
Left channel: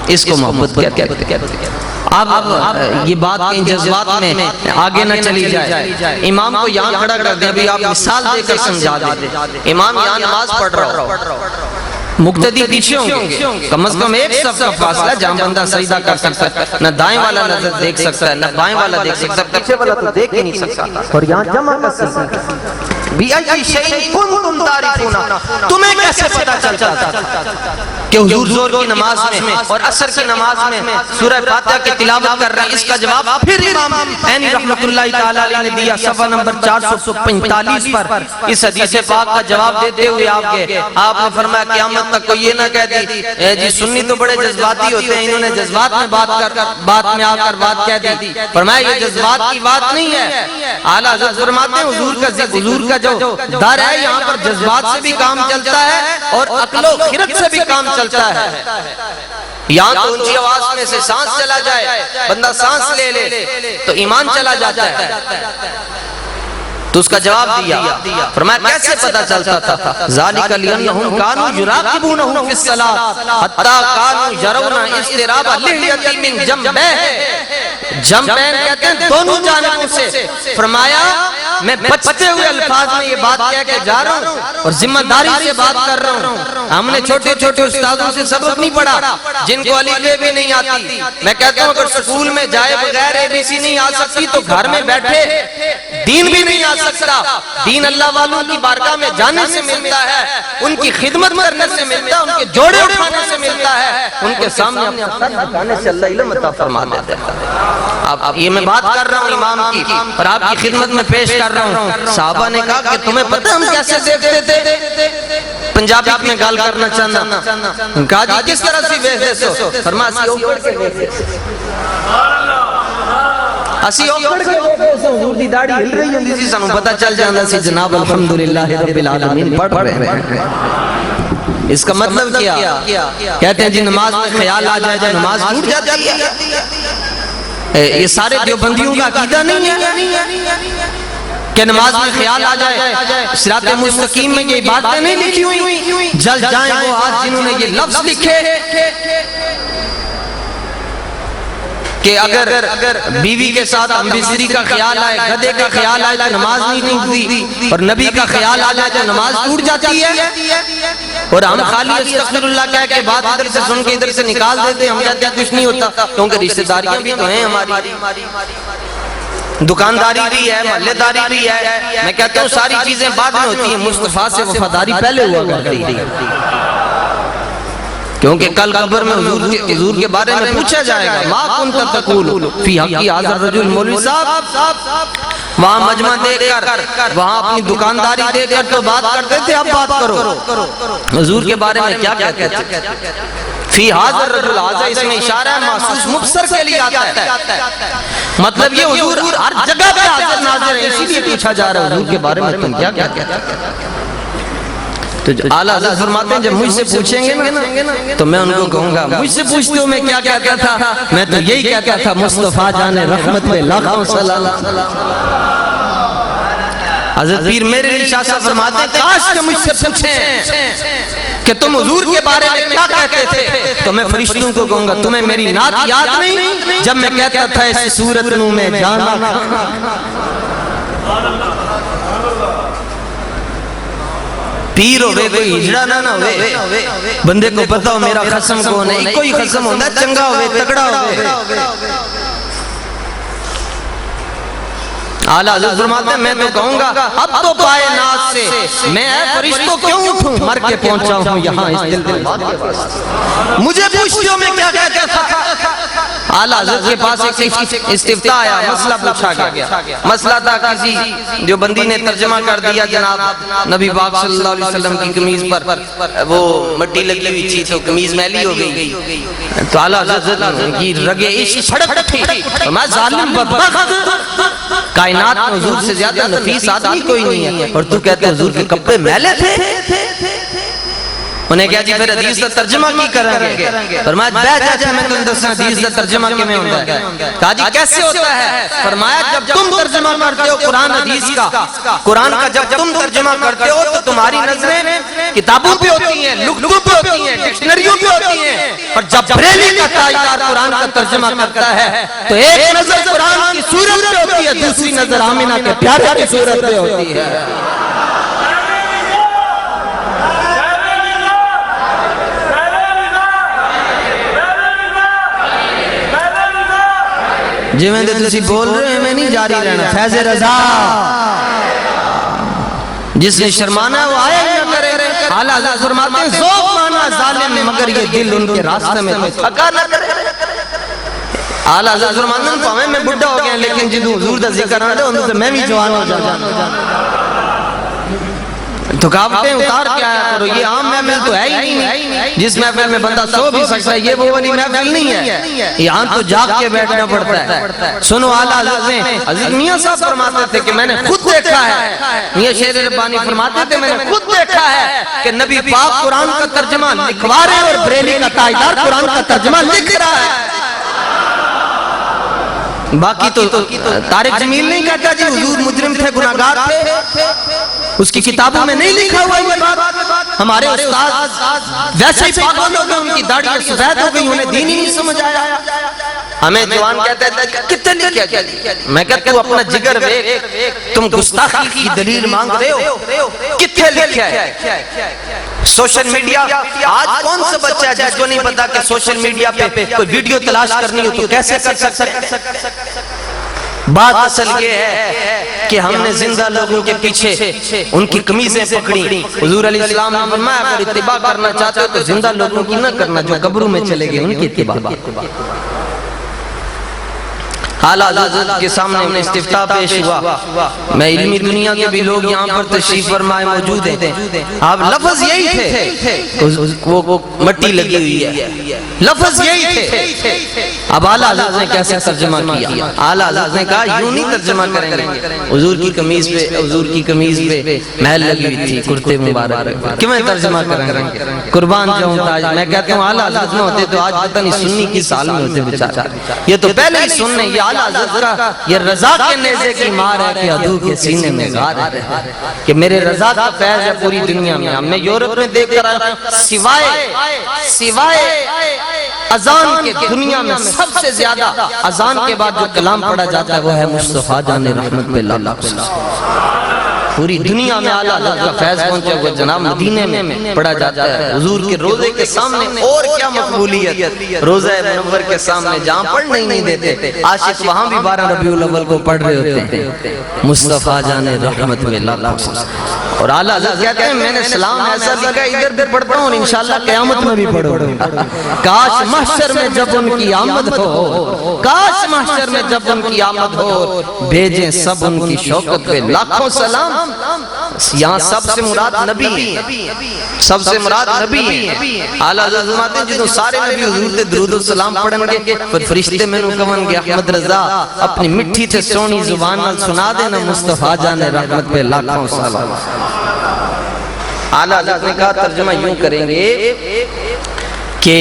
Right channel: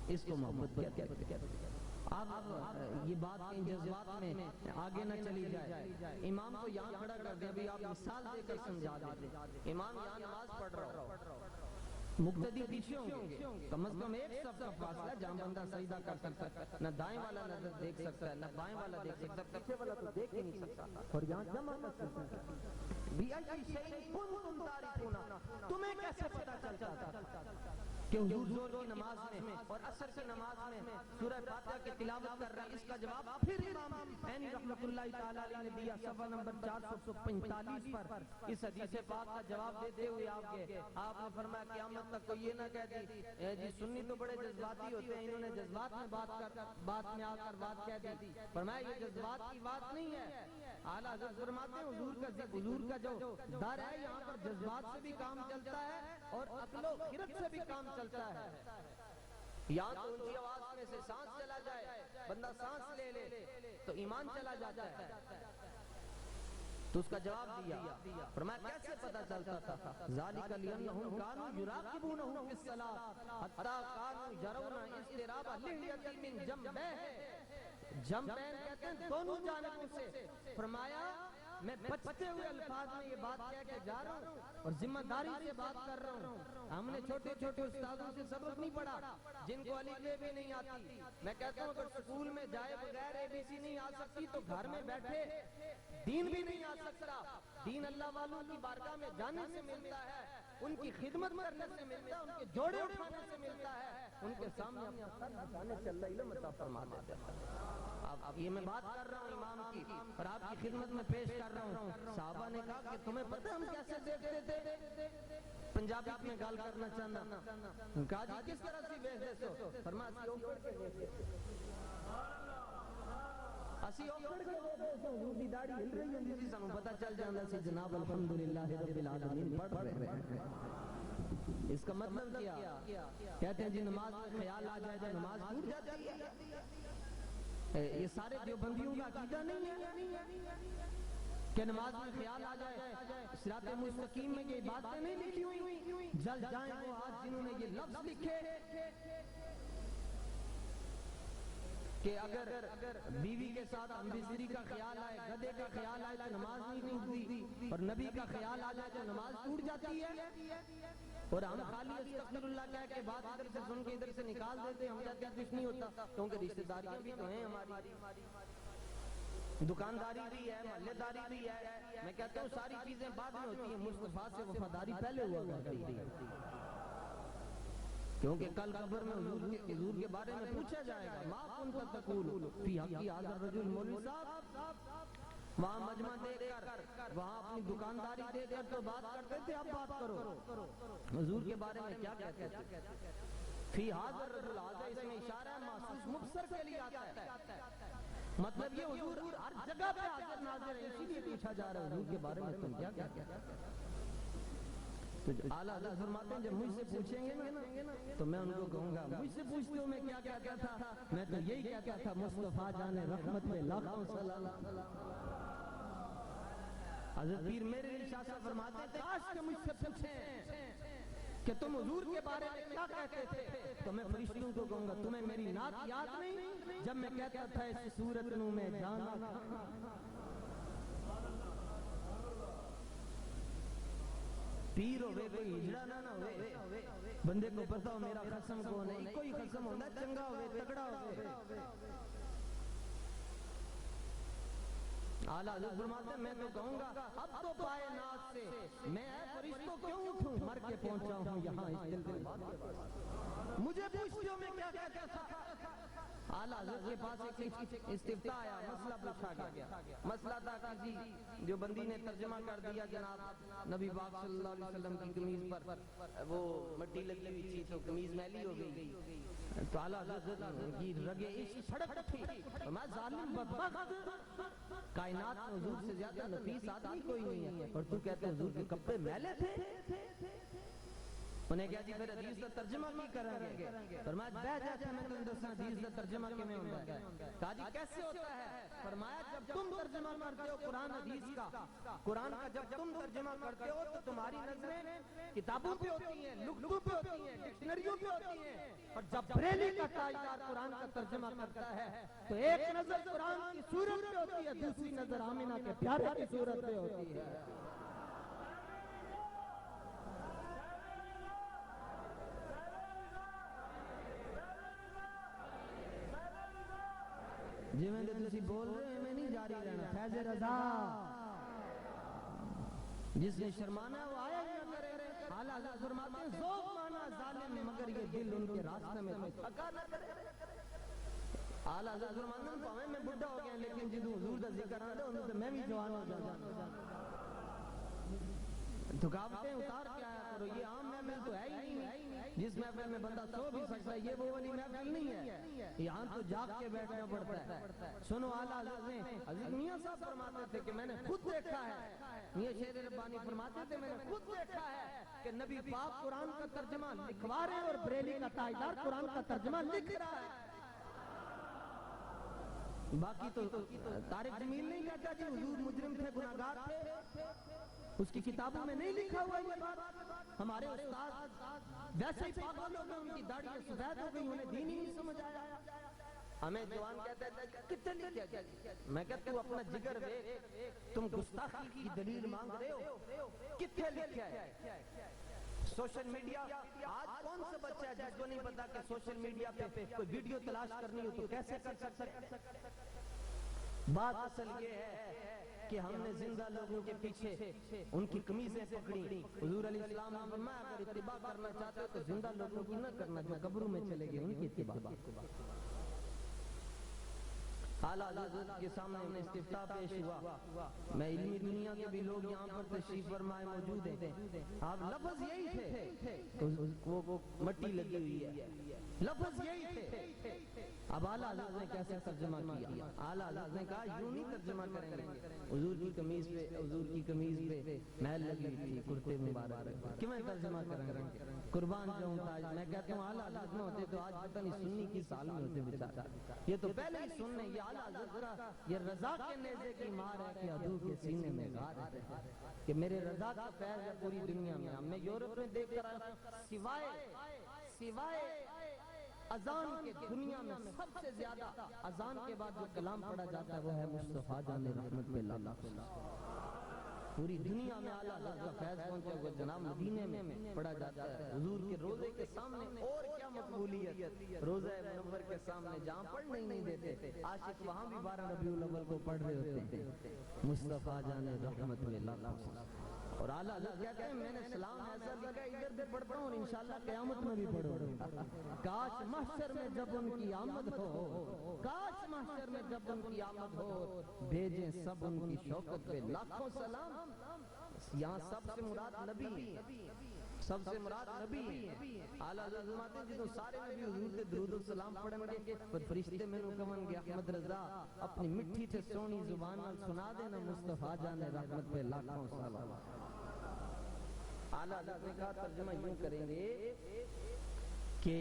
اس کو محبت کہتے ہیں۔ اب یہ بات کہیں جذبات میں آگے نہ چلی جائے، امام کو یہاں کھڑا کر دیں، ابھی آپ مثال دے کر سمجھا دیں۔ امام یہاں نماز پڑھ رہا ہو، مقتدی پیچھے ہوں گے، کم از کم ایک صف کا فاصلہ جہاں بندہ سجدہ کر سکتا ہے، نہ دائیں والا نظر دیکھ سکتا ہے، نہ بائیں والا دیکھ سکتا ہے، پیچھے والا تو دیکھ ہی نہیں سکتا، اور یہاں جمع کر سکتا ہے۔ بِأَيِّ شَيْءٍ كُنتُمْ تَعْرِفُونَ، تمہیں کیسے پتا چلتا تھا کہ حضور زور کی نماز میں اور عصر کی نماز میں سورہ فاتحہ کی تلاوت کر رہے ہیں؟ اس کا جواب پھر امام عینی رحمت اللہ تعالیٰ علیہ نے دیا صفحہ نمبر 445 پر۔ اس حدیث پاک کا جواب دیتے ہوئے آپ نے فرمایا قیامت تک کوئی یہ نہ کہہ دی جی سنی تو بڑے جذباتی ہوتے ہیں، انہوں نے جذبات میں بات میں آ کر بات کہہ دی۔ فرمایا یہ جذبات کی بات نہیں ہے، اعلیٰ حضرت فرماتے ہیں حضور کا جو در ہے یہاں پر جذبات سے بھی کام چلتا ہے اور عقل و خرد سے بھی کام چلتا ہے۔ یہاں تو اونچی آواز میں سے سانس چلا جائے، بندہ سانس لے لے تو ایمان چلا جاتا ہے۔ تو اس کا جواب دیا، فرمایا کیسے پتا چلتا تھا؟ ذالک لأنہم کانوا یراقبونہ فی الصلاۃ حتی کانوا یرون اضطراب لحیۃ من جنبیہ، جنبین کہتے ہیں دونوں جانبوں سے۔ فرمایا میں بچتے ہوئے الفاظ میں یہ بات کہہ کے جا رہا ہوں اور ذمہ داری سے بات کر رہا ہوں۔ ہم نے چھوٹے چھوٹے استادوں سے سبق نہیں پڑھا جن کو الف ب بھی نہیں آتی۔ میں کہتا ہوں اگر سکول میں جائے بغیر ABC نہیں آ سکتی تو گھر میں بیٹھے دین بھی نہیں آ سکتا۔ دین اللہ والوں کی بارگاہ میں جانے سے ملتا ہے، ان کی خدمت کرنے سے ملتا ہے، ان کے جوڑے اٹھانے سے ملتا ہے، ان کے سامنے اپنا سر جھکانے سے اللہ علم عطا فرما دیتا ہے۔ اب یہ میں بات کر رہا ہوں امام کی اور آپ کی خدمت میں پیش کر رہا ہوں۔ صحابہ نے کہا کہ تمہیں پتہ ہم کیسے دیکھتے تھے؟ پنجابی میں گال کرنا چاہنا، کہا جی کس طرح سی ویسے سو؟ فرمایا اسی اوپر کے ویسے اسی اوپر کے ویسے سو، حضور دی داڑھی ہل رہی ہوندی سی، سانوں پتہ چل جاندہ سی جناب الحمدللہ رب العالمین پڑھ رہے ہیں۔ اس کا مطلب کیا؟ کہتے ہیں جی نماز میں خیال آ جائے جب نماز ٹوٹ جاتی ہے۔ یہ سارے دیوبندیوں کا عقیدہ نہیں ہے کہ نماز میں خیال آ جائے۔ صراط مستقیم میں یہ باتیں نہیں لکھی ہوئی، جل جائیں وہ آج جنہوں نے یہ لفظ لکھے کہ اگر بیوی کے ساتھ امبیسری کا خیال آئے، گدے کا خیال آئے تو نماز نہیں ٹوٹتی، اور نبی کا خیال آ جائے تو نماز ٹوٹ جاتی ہے۔ اور ہم خالی استغفر اللہ کہہ کے بات ادھر سے سن کے ادھر سے نکال دیتے ہیں، ہم کہتے ہیں کچھ نہیں ہوتا، کیونکہ رشتہ داریاں بھی تو ہیں ہماری، دکانداری بھی ہے، محلے داری بھی ہے۔ میں کہتا ہوں ساری چیزیں بعد میں ہوتی ہیں، مصطفیٰ سے وفاداری پہلے ہوا کرتی ہے، کیونکہ کل قبر میں حضور کے بارے میں پوچھا جائے گا ما کنت تقول فی حقی ھذا الرجل۔ مولوی صاحب وہاں مجمع دیکھ کر وہاں اپنی دکانداری دیکھ کر تو بات کرتے تھے، اب بات کرو حضور کے بارے میں کیا کہتے تھے؟ فی ھذا الرجل، ھذا اس میں اشارہ ہے محسوس مبصر کے لیے آتا ہے، مطلب یہ حضور ہر جگہ پہ حاضر ناظر ہے، اسی لیے پوچھا جا رہا ہے حضور کے بارے میں تم کیا کہتے ہیں؟ تو اعلیٰ حضرت فرماتے ہیں جب مجھ سے پوچھیں گے نا تو میں ان کو کہوں گا مجھ سے پوچھتے ہو میں کیا کہتا تھا؟ میں تو یہی کہتا تھا مصطفیٰ جان رحمت پہ لاکھوں سلام۔ حضرت پیر میرے علی شاہ صاحب فرماتے ہیں کاش کہ مجھ سے پوچھیں کہ تم حضور کے بارے میں کیا کہتے تھے تو میں فرشتوں کو کہوں گا تمہیں میری نعت یاد نہیں جب میں کہتا تھا اس صورت نو میں جانا۔ پیر ہوئے کوئی ہجڑا نہ ہوئے، بندے کو پتا ہو میرا خصم کون ہے، کوئی خصم ہوندہ چنگا ہوئے تگڑا ہوئے۔ اعلیٰ حضرت فرماتے ہیں میں تو کہوں گا اب تو کائنات سے میں اے فرشتوں کیوں اٹھوں، مر کے پہنچا ہوں یہاں اس دل بات کے واسطے، مجھے پوچھتے ہو میں کیا کہتا تھا؟ اعلیٰ حضرت کے پاس ایک استفتاء آیا، مسئلہ پوچھا گیا، مسئلہ تھا کسی جو بندی نے ترجمہ کر دیا جناب نبی پاک صلی اللہ علیہ وسلم کی قمیض پر وہ مٹی لگی ہوئی تھی تو قمیض میلی ہو گئی، تو اعلیٰ حضرت کی رگے عشق پھڑک اٹھی، میں ظالم بدبخت، کائنات میں حضور سے زیادہ نفیس آدمی کوئی نہیں ہے اور تو کہتے ہیں حضور کے کپڑے میلے تھے؟ انہیں کہا جی پھر حدیث کا ترجمہ کی کریں گے؟ فرمایا بیٹھ جاتے میں تم دسنا حدیث کا ترجمہ کی میں ہوتا ہے۔ کہا جی کیسے ہوتا ہے؟ فرمایا جب تم ترجمہ کرتے ہو قرآن حدیث کا، قرآن کا جب تم ترجمہ کرتے ہو تو تمہاری نظریں کتابوں پہ ہوتی ہیں، لغتوں پہ ہوتی ہیں، ڈکشنریوں پہ ہوتی ہیں، اور جب بریلی کا تاجدار قرآن کا ترجمہ کرتا ہے تو ایک نظر قرآن کی صورت پہ ہوتی ہے، دوسری نظر آمینہ کے پیارے کی صورت پہ ہوتی ہے۔ جی میں تسی بول رہے ہیں، میں نہیں جاری رہنا۔ فیض رضا جس نے شرمانا ہے وہ آیا ہی نہ کرے۔ اعلیٰ حضرت فرماتے ہیں ذوق مانا ظالم مگر یہ دل ان کے راستے میں تھکا نہ کرے۔ اعلیٰ حضرت فرماتے ہیں پاویں میں بڑھا ہو گیا لیکن جدوں حضور دا ذکر آتا ہے ان سے میں بھی جوان ہو جاتا۔ تھکاوٹیں اتار کے آیا کرو، یہ عام محفل تو ہے ہی نہیں جس محفل میں بندہ سو بھی سکتا ہے، یہ وہ والی محفل نہیں ہے، یہاں تو جاگ کے بیٹھنا پڑتا ہے۔ سنو اعلیٰ حضرت نے، حضرت میاں صاحب فرماتے تھے کہ میں نے خود دیکھا ہے، میاں شیر ربانی فرماتے تھے میں نے خود دیکھا ہے کہ نبی پاک قرآن کا ترجمہ لکھوا رہے ہیں اور بریلی کا تاجدار قرآن کا ترجمہ لکھ رہا ہے۔ باقی تو طارق جمیل نہیں کہتا جی حضور مجرم تھے، گناہگار تھے، اس کی کتابوں میں نہیں لکھا ہوا یہ بات۔ ہمارے استاد ویسے ہی پاگل ہو گئے، ان کی داڑھی سفید ہو گئی، انہیں دین ہی نہیں سمجھ آیا۔ ہمیں جوان کہتا ہے کتنے لکھا کیا؟ میں کہتا ہوں اپنا جگر دیکھ، تم گستاخی کی دلیل مانگ رہے ہو، کتنے لکھا ہے؟ سوشل میڈیا، آج کون سا بچہ ہے جس کو نہیں پتا کہ سوشل میڈیا پہ کوئی ویڈیو تلاش کرنی ہو تو کیسے کر سکتے؟ بات اصل یہ ہے کہ ہم نے زندہ لوگوں کے پیچھے ان کی قمیضیں پکڑی۔ حضور علیہ السلام نے فرمایا اگر اتباع کرنا چاہتے ہو تو زندہ لوگوں کی نہ کرنا، جو قبروں میں چلے گئے ان کی اتباع۔ اعلیٰ حضرت کے سامنے انہیں استفتاء پیش ہوا، میں علمی دنیا کے بھی لوگ یہاں پر تشریف فرمائے موجود ہیں، آپ لفظ یہی تھے، وہ مٹی لگی ہوئی ہے، لفظ یہی تھے۔ اب اعلیٰ حضرت نے کیسے ترجمہ کیا؟ اعلیٰ حضرت نے کہا یوں نہیں ترجمہ کریں گے، حضور کی قمیض پہ محل لگی ہوئی تھی، کرتے مبارک، کہ میں ترجمہ کریں گے؟ قربان جاؤں تاج، میں کہتا ہوں اعلیٰ حضرت میں ہوتے تو آج پتہ نہیں سنی کی سال میں ہوتے بیچارے، یہ تو پہلے ہی سننے، یہ اعلیٰ حضرت کا یہ رضا کے نیزے کی مار ہے کہ عدو کے سینے میں غار ہے، کہ میرے رضا کا فیض ہے پوری دنیا میں۔ ہم نے یورپ میں دیکھ کر آیا، سوائے اذان کے دنیا میں سب سے زیادہ اذان کے بعد جو کلام پڑھا جاتا ہے وہ ہے مصطفیٰ جان رحمت پہ اللہ۔ پوری دنیا میں اعلیٰ حضرت کا فیض پہنچا ہوا جناب مدینے میں پڑھا جاتا ہے، حضور کے روزے کے سامنے اور کیا مقبولیت، روزہ منور کے سامنے جہاں پڑھنے ہی نہیں دیتے، عاشق وہاں بھی 12 ربیع الاول کو پڑھ رہے ہوتے ہیں، مصطفیٰ جان رحمت میں اللہ۔ اور اعلیٰ حضرت کہتے ہیں میں نے سلام ایسا لکھا ادھر ادھر پڑھتا ہوں اور انشاءاللہ قیامت میں بھی پڑھوں گا، کاش محشر میں جب ان کی آمد ہو، کاش محشر میں جب ان کی آمد ہو، بھیجیں سب ان کی شوکت پہ لاکھوں سلام۔ یہاں سب سے مراد نبی ہیں، سب سے مراد نبی ہیں۔ اعلیٰ حضرت فرماتے ہیں جنہوں سارے نبی حضور تے درود و سلام پڑھن گے، پھر فرشتے میں نو کہن گے احمد رضا اپنی مٹھی تے سونی زبان نال سنا دینا مصطفیٰ جان رحمت پہ لاکھوں سلام۔ اعلیٰ حضرت نے کہا ترجمہ یوں کریں گے کہ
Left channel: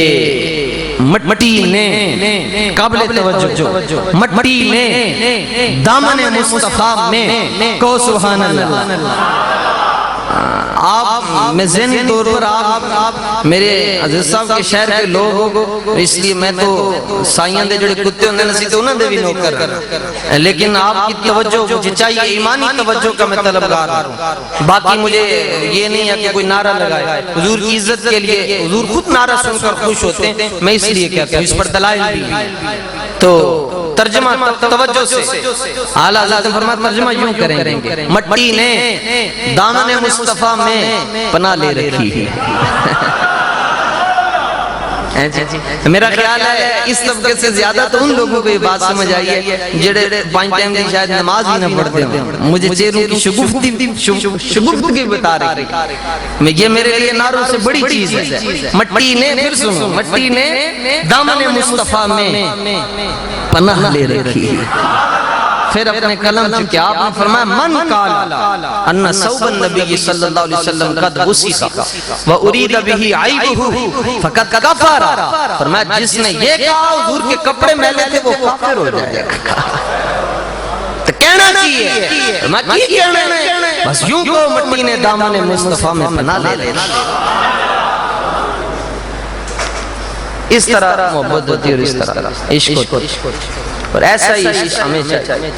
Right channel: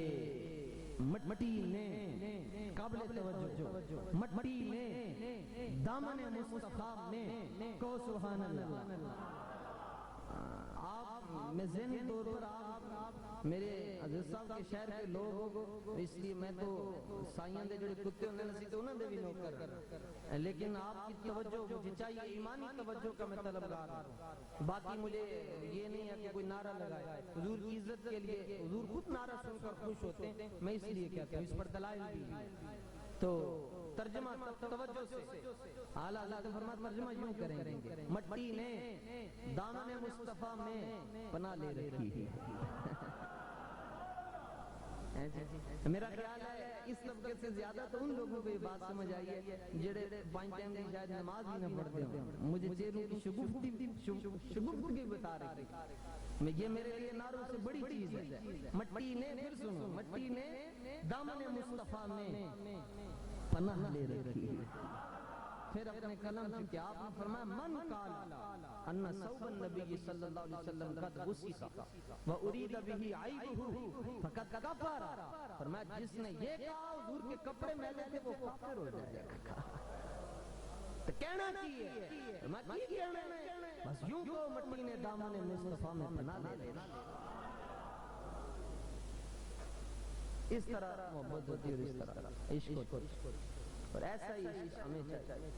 مٹی نے قابل توجہ، مٹی نے دامن مصطفیٰ میں کو سبحان اللہ۔ آپ میں ذہنی طور پر آپ میرے عزیز صاحب کے شہر کے لوگ ہو، اس لیے میں تو سائیاں دے جڑے کتے ہوندے نسی تو انہاں دے بھی نوکر، لیکن آپ کی توجہ مجھے چاہیے، ایمانی توجہ کا میں طلبگار ہوں۔ باقی مجھے یہ نہیں ہے کہ کوئی نعرہ لگائے، حضور کی عزت کے لیے حضور خود نعرہ سن کر خوش ہوتے ہیں، میں اس لیے کہتا ہوں، اس پر دلائل بھی۔ تو ترجمہ توجہ سے اعلیٰ حضرت نے فرمایا ترجمہ یوں کریں گے، مٹی نے دامن مصطفیٰ میں پناہ لے رکھی ہے۔ میرا خیال ہے اس طبقے سے زیادہ تو ان لوگوں کو یہ بات سمجھ آئی ہے جڑے 5 ٹائم کی شاید نماز ہی نہ پڑھتے ہیں، مجھے چہروں کی شگفتگی بتا رہی ہے، یہ میرے لیے ناروں سے بڑی چیز ہے۔ مٹی نے، پھر سنو، مٹی نے دامن مصطفیٰ میں پناہ لے رکھی ہے۔ پھر اپنے قلم چکے آپ نے فرمایا من قال ان ثوب النبی صلی اللہ علیہ وسلم قد غسل وارید به عیبہ فقد کفر، فرمایا جس نے یہ کہا حضور کے کپڑے میلے تھے وہ کافر ہو جائے گا۔ تو کہنا چاہیے میں کی کہنا ہے، بس یوں کو مٹی نے دامن مصطفیٰ میں پناہ لے رکھی۔ اس طرح محبت ہوتی ہے اور اس طرح عشق ہوتا ہے، اور ایسا ہی عشق ہمیں چاہیے۔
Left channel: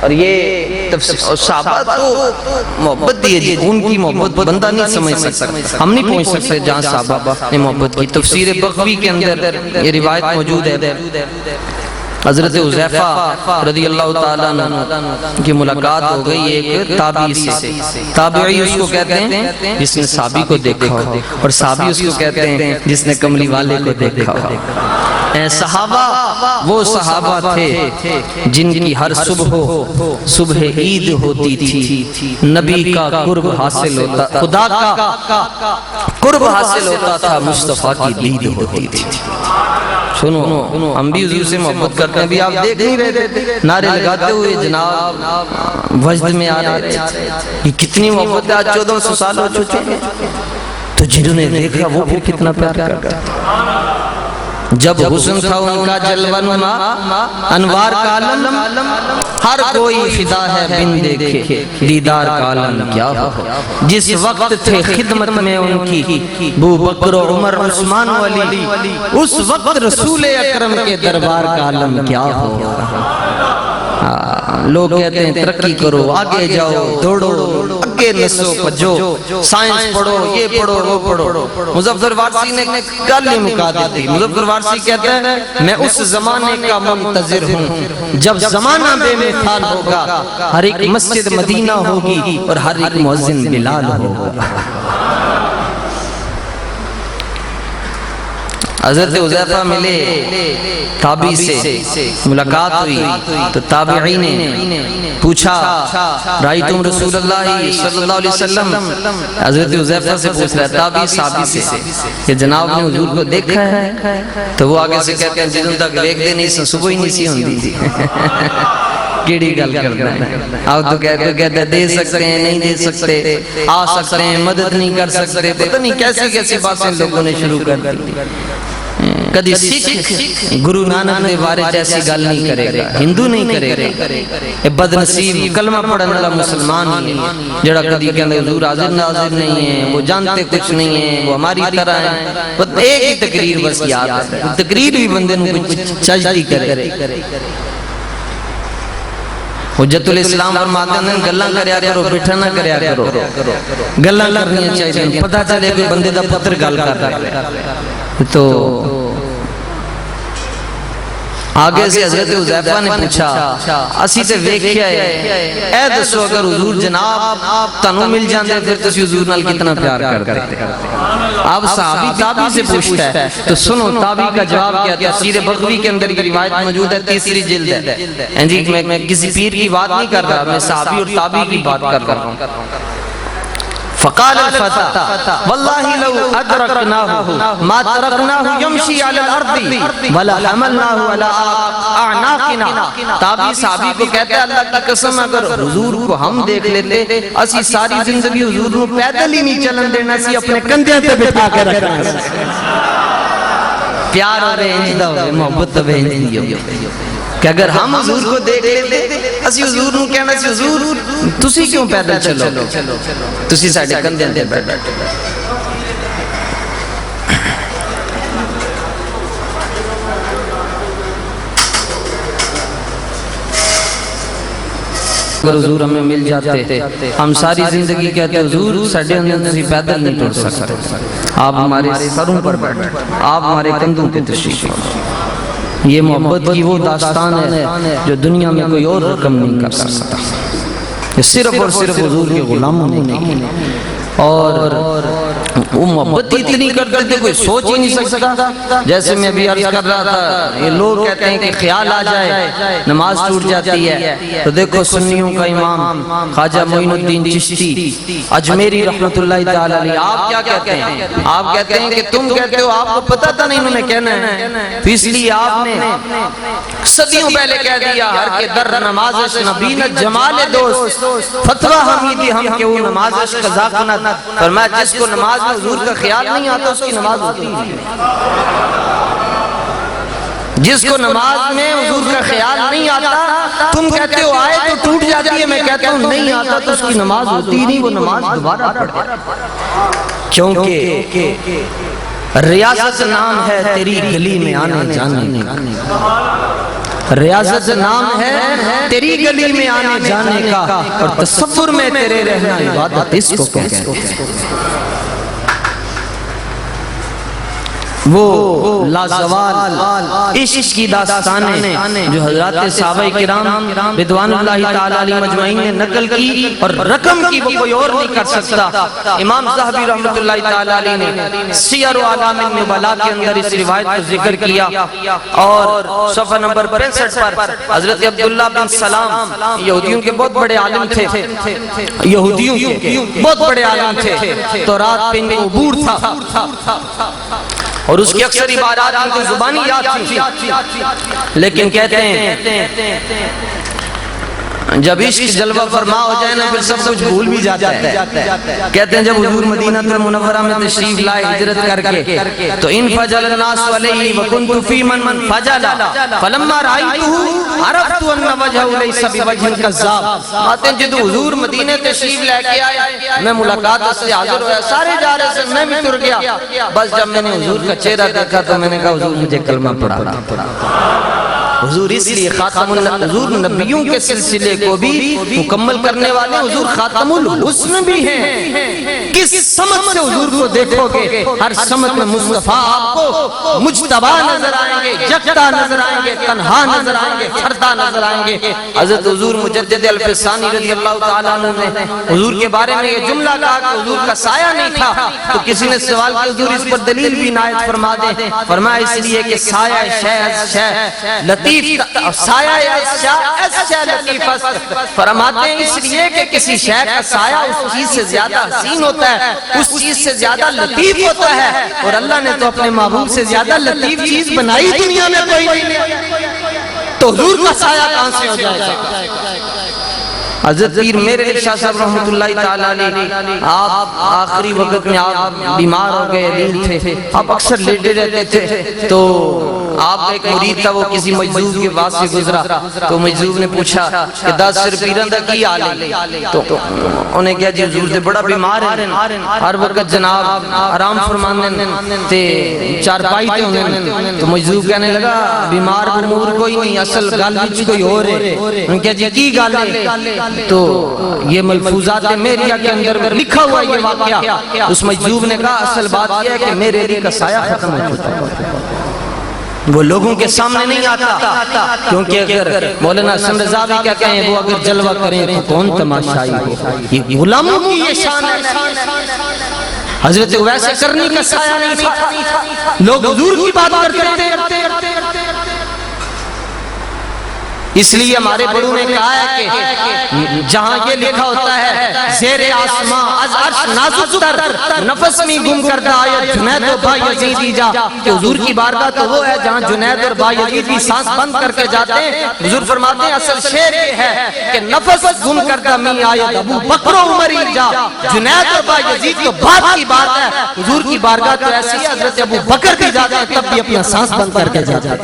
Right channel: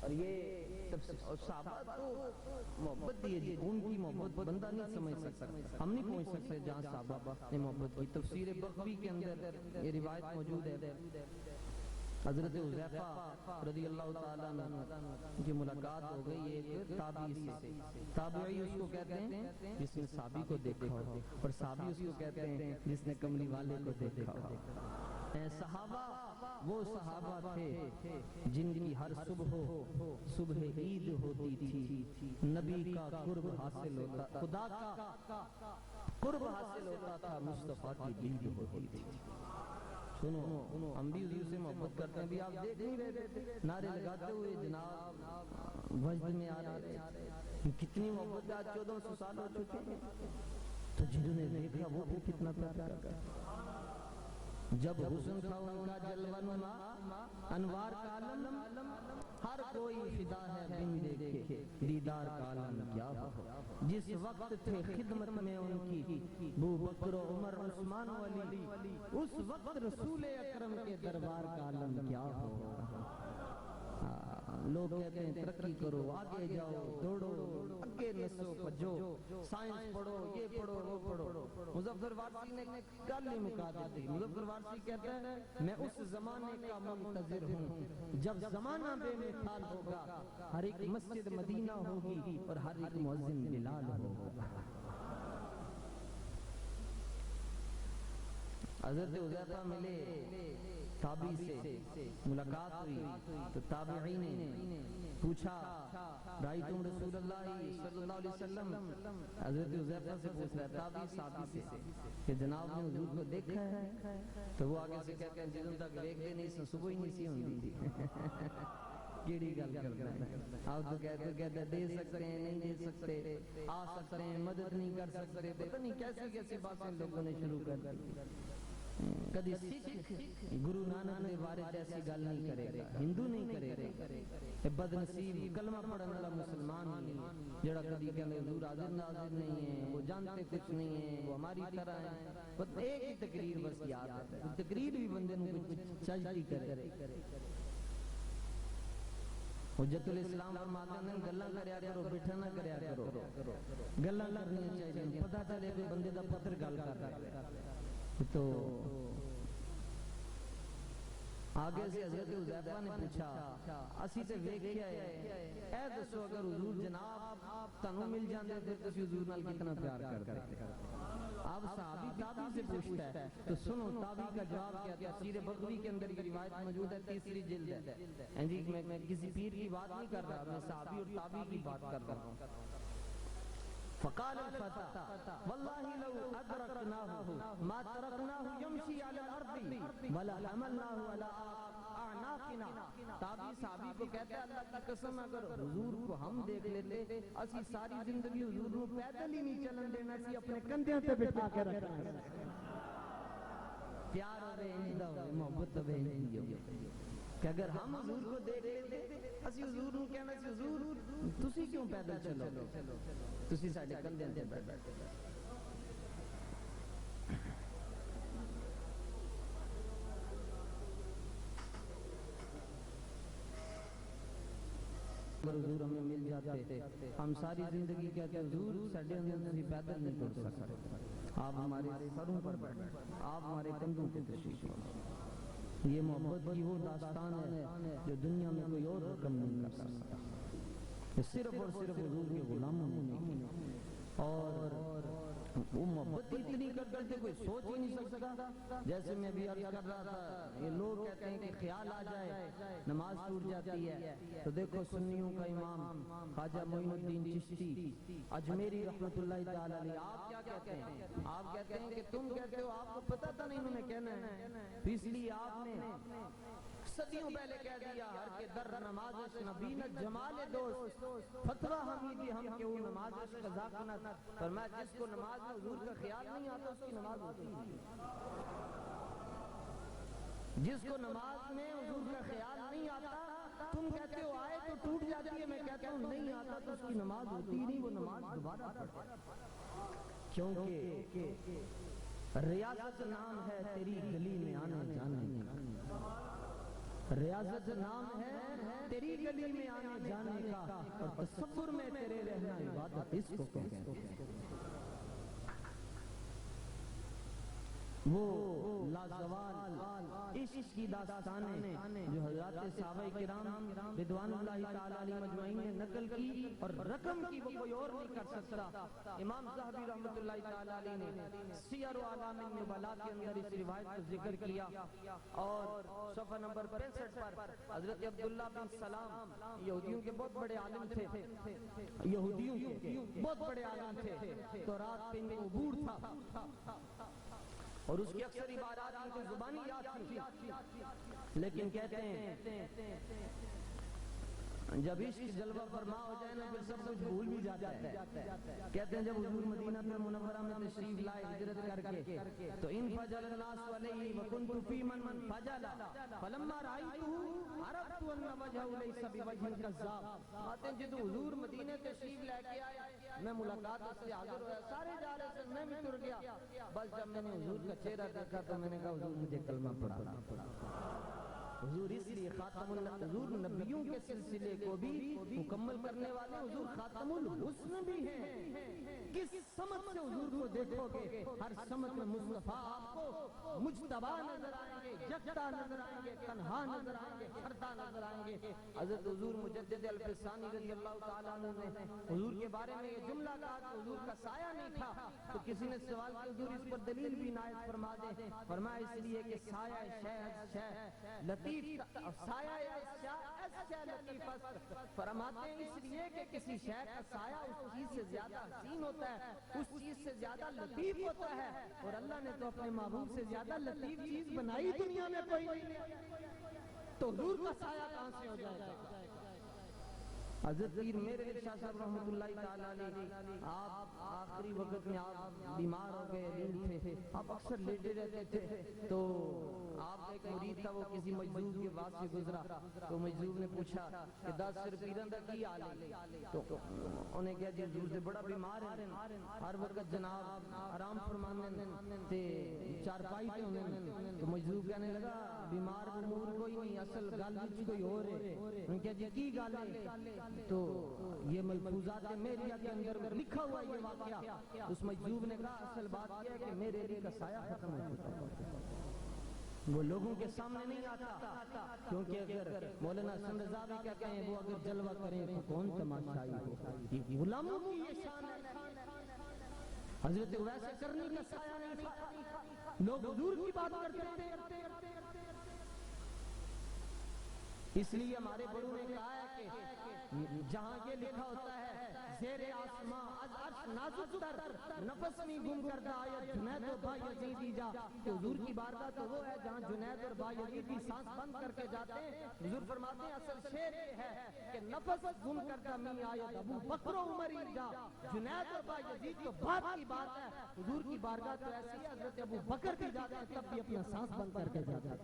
اور یہ تفسیر، اور صحابہ تو محبت دی ہے، ان کی محبت بندہ نہیں سمجھ سکتا، ہم نہیں پہنچ سکتے جہاں صحابہ نے محبت کی۔ تفسیر بغوی کے اندر یہ روایت موجود ہے، حضرت حذیفہ رضی اللہ تعالیٰ عنہ کی ملاقات ہو گئی ایک تابعی سے، تابعی اس کو کہتے ہیں جس نے صحابی کو دیکھا ہو، اور صحابی اس کو کہتے ہیں جس نے کملی والے کو دیکھا ہو۔ صحابہ وہ صحابہ تھے جن کی ہر صبح عید ہوتی تھی، نبی کا قرب حاصل ہوتا، خدا کا قرب حاصل ہوتا تھا، مصطفیٰ کی دید ہوتی تھی۔ سنو، ہم بھی حضور سے محبت کرتے ہیں، بھی آپ دیکھ نہیں رہے تھے نعرے لگاتے ہوئے جناب وجد میں آ رہے تھے، یہ کتنی محبت ہے۔ آج 1400 سال ہو چکے ہیں، تو جنہوں نے دیکھا وہ پھر کتنا پیار کرتا ہے۔ جب حسن تھا ان کا جلوہ نما، انوار کا عالم، ہر کوئی فدا ہے بن دیکھے، دیدار کا عالم کیا ہو۔ جس وقت تھے خدمت میں ان کی ابو بکر و عمر عثمان و علی، اس وقت رسول اکرم کے دربار کا عالم کیا ہو۔ لوگ کہتے ہیں ترقی کرو، آگے جاؤ، دوڑو، آگے نسو پجو، سائنس پڑھو، یہ پڑھو، وہ پڑھو۔ مظفر وارثی نے کل ہی مکا دیتی، مظفر وارثی کہتا ہے میں اس زمانے کا منتظر ہوں جب زمانہ بے مثال ہوگا، ہر ایک مسجد مدینہ ہوگی اور ہر ایک مؤذن بلال ہوگا۔ حضرت حذیفہ ملے تابعی سے، ملاقات ہوئی تو تابعی نے پوچھا رأیتم رسول اللہ صلی اللہ علیہ وسلم، حضرت حذیفہ سے پوچھ رہا ہے تابعی صحابی سے کہ جناب نے حضور کو دیکھا ہے؟ تو وہ آگے سے کہتے ہیں جدوں تک دیکھ دے نہیں سن صبح ہی نہیں سی ہوندی تھی۔ کیڑی گل کرنا ہے، آپ تو کہتے ہیں دے سکتے ہیں، نہیں دے سکتے، آ سکتے ہیں، مدد نہیں کر سکتے، پتہ نہیں کیسی کیسی باتیں لوگوں نے شروع کر دی۔ کدی سکھ گرو نانک دے بارے جیسی گل نہیں کرے گا، ہندو نہیں کرے گا، بد نصیب کلمہ پڑھنے والا مسلمان نہیں ہے جڑا کدی کہنے حضور حاضر ناظر نہیں ہے، وہ جانتے کچھ نہیں ہیں، وہ ہماری طرح ہیں۔ ایک ہی تقریر بس یاد ہے، تقریر بھی بندے نے کچھ چجتی کرے۔ حجت الاسلام فرماتے ہیں گلاں کریا کرو، بیٹھا نہ کریا کرو، گلاں کرنیاں چاہیے، پتہ چلے کوئی بندے دا پتر گل کر رہا ہے۔ تو آگے سے حضرت حذیفہ نے پوچھا اسی تے ویکھیا ہے، اے دسو اگر حضور جناب تانوں مل جاندے پھر تسی حضور نال کتنا پیار کرتے؟ اب صحابی تابعی سے پوچھتا ہے تو سنو تابعی کا جواب کیا ہے۔ تفسیر بغوی کے اندر یہ روایت موجود ہے، 3 جلد ہے جی۔ میں کسی پیر کی بات نہیں کر رہا، میں صحابی اور تابعی کی بات کر رہا ہوں۔ فقال الفتى والله لو أدركناه ما تركناه يمشي على الأرض ولا حملناه على أعناقنا۔ تابعی صحابی کو کہتے ہیں اللہ کی قسم اگر حضور کو ہم دیکھ لیتے اسی ساری زندگی حضور کو پیدل ہی نہیں چلن دینا سی، اپنے کندھے پہ بٹھا کے رکھنا۔ پیار اور انجدہ ہوئے، محبت ہوئے انجدی ہوئے کہ اگر ہم حضور کو دیکھ لیتے اسی حضور نو کہنا سی حضور تسی کیوں پیدل چلو، تسی ساڈے کندھے تے بیٹھے۔ اگر حضور ہمیں مل جاتے ہم ساری زندگی کہتے حضور ساڈے اندر تسی پیدل نہیں ٹر سکتے، آپ ہمارے سروں پر بیٹھے، آپ ہمارے کندھوں پہ تشریف لائے۔ یہ محبت کی وہ داستان ہے جو دنیا میں کوئی اور رقم نہیں کر سکتا، یہ صرف اور صرف حضور کے غلاموں نے کی۔ اور وہ محبت اتنی کرتے تھے کوئی سوچ ہی نہیں سکتا۔ جیسے میں ابھی عرض کر رہا تھا یہ لوگ کہتے ہیں کہ خیال آ جائے نماز ٹوٹ جاتی ہے، تو دیکھو سنیوں کا امام خواجہ معین الدین چشتی اجمیری رحمت اللہ تعالی علیہ، آپ کیا کہتے ہیں؟ آپ کہتے ہیں کہ تم کہتے ہو آپ کو پتہ تھا نہیں انہوں نے کہنا ہے، تو اس لیے آپ نے صدیوں پہلے کہہ دیا ہر کے در نمازش نبینت جمال دوست فتوہ حمیدی ہم کہ وہ نمازش قضا کنت۔ فرمایا جس کو نماز میں حضور کا خیال نہیں آتا اس کی نماز ہوتی نہیں، جس کو نماز میں حضور کا خیال نہیں آتا تم کہتے ہو آئے تو ٹوٹ جاتی ہے، میں کہتا ہوں نہیں آتا تو اس کی نماز ہوتی نہیں، وہ نماز دوبارہ پڑھے۔ کیونکہ ریاضت نام ہے تیری گلی میں آنے جانے کا، ریاضت نام ہے تیری گلی میں آنے جانے کا، اور تصور میں تیرے رہنا عبادت اس کو کہتے ہیں۔ وہ لازوال عشق کی داستانیں جو حضرات صحابہ کرام رضوان اللہ تعالی علیہ مجمعین نے نقل کی، اور رقم کی وہ کوئی اور نہیں کر سکتا۔ امام ذہبی رحمۃ اللہ تعالی علیہ نے سیر و اعلام النبلاء کے اندر اس روایت کو ذکر کیا، اور صفحہ نمبر 65 پر حضرت عبداللہ بن سلام، یہودیوں کے بہت بڑے عالم تھے، یہودیوں کے بہت بڑے عالم تھے، تورات پہ ان کو عبور تھا، اور اس کی اکثر عبارات ان کو زبانی یاد تھی، لیکن کہتے ہیں جب عشق جلوہ فرما ہو جائے نا پھر سب کچھ بھول بھی جاتا ہے۔ کہتے ہیں جب حضور مدینہ المنورہ میں تشریف لائے ہجرت کر کے، تو ان فجل الناس علیہ وکنت فی من فجل فلما رأیتہ عرفت ان وجہہ لیس بوجہ کذاب۔ آتے ہیں جب حضور مدینہ تشریف لے کے آئے، میں ملاقات سے حاضر ہوا، سارے جا رہے سے میں بھی تر گیا، بس جب میں نے حضور کا چہرہ دیکھا تو میں نے کہا حضور مجھے کلمہ پڑھانا۔ حضور اس لیے حضور نبیوں کے سلسلے کو بھی مکمل کرنے والے، حضور خاتم الحسن بھی ہیں۔ کس سمت سے حضور کو دیکھو گے، ہر سمت میں مصطفیٰ آپ کو مجتبی نظر آئیں گے، یکتا نظر آئیں گے، تنہا نظر آئیں گے، فردہ نظر آئیں گے۔ حضرت حضور مجدد الفسانی رضی اللہ تعالیٰ عنہ نے حضور کے بارے میں یہ جملہ کہا کہ حضور کا سایہ نہیں تھا، تو کسی نے سوال کیا حضور اس پر دلیل بھی عنایت فرما دیں، فرمایا اس لیے کہ سایہ شے از شے لطیف، سایہ لطیف فرماتے ہیں اس لیے کہ کسی شے کا سایہ اس چیز سے زیادہ حسین ہوتا ہے، اس چیز سے زیادہ لطیف ہوتا ہے، اور اللہ نے تو اپنے محبوب سے زیادہ لطیف چیز بنائی دنیا میں کوئی نہیں، تو حضور کا سایہ کہاں سے ہو جائے گا۔ حضرت پیر میرے شاہ صاحب رحمۃ اللہ تعالیٰ علیہ، آپ آخری وقت میں آپ بیمار ہو گئے، دل تھے، آپ اکثر لیٹے رہتے تھے، تو آپ ایک مرید تھا وہ کسی مجذوب کے پاس سے گزرا، تو مجذوب نے پوچھا کہ دس سر پیران دا کی حال ہے، تو انہیں کہا جی حضور سے بڑا بیمار ہے، ہر وقت جناب آرام فرمانے تے چارپائی تے ہونے، تو مجذوب کہنے لگا بیمار امور کوئی نہیں، اصل گل وچ کوئی اور ہے۔ انہیں کہا جی کی گل ہے، تو یہ ملفوظات میریہ کے اندر لکھا ہوا یہ واقعہ، اس مجذوب نے کہا اصل بات یہ ہے کہ میرے علی کا سایہ ختم ہو چکا ہے، وہ لوگوں کے سامنے نہیں آتا، کیونکہ اگر مولانا حسن رضا بھی کیا کہیں وہ اگر جلوہ کریں تو کون تماشائی ہو، یہ غلاموں کی یہ شان ہے۔ حضرت اویس کرنی کا سایہ نہیں تھا، لوگ حضور کی بات کرتے ہیں، اس لیے ہمارے بڑوں نے کہا ہے کہ جہاں یہ لکھا ہوتا ہے زیر آسمان از عرش نازک تر نفس میں گم کردہ آیت جنید و با یزیدی جا، کہ حضور کی بارگاہ تو وہ ہے جہاں جنید اور با یزید بھی سانس بند کر کے جاتے ہیں۔ حضور فرماتے ہیں اصل شعر یہ ہے کہ نفس گم کردہ میں آیت ابو بکر و عمری جا، جنید اور با یزید تو بعد کی بات ہے، حضور کی بارگاہ تو ایسی ہے حضرت ابو بکر بھی جاتے ہیں تب بھی اپنا سانس بند کر کے جاتے ہیں۔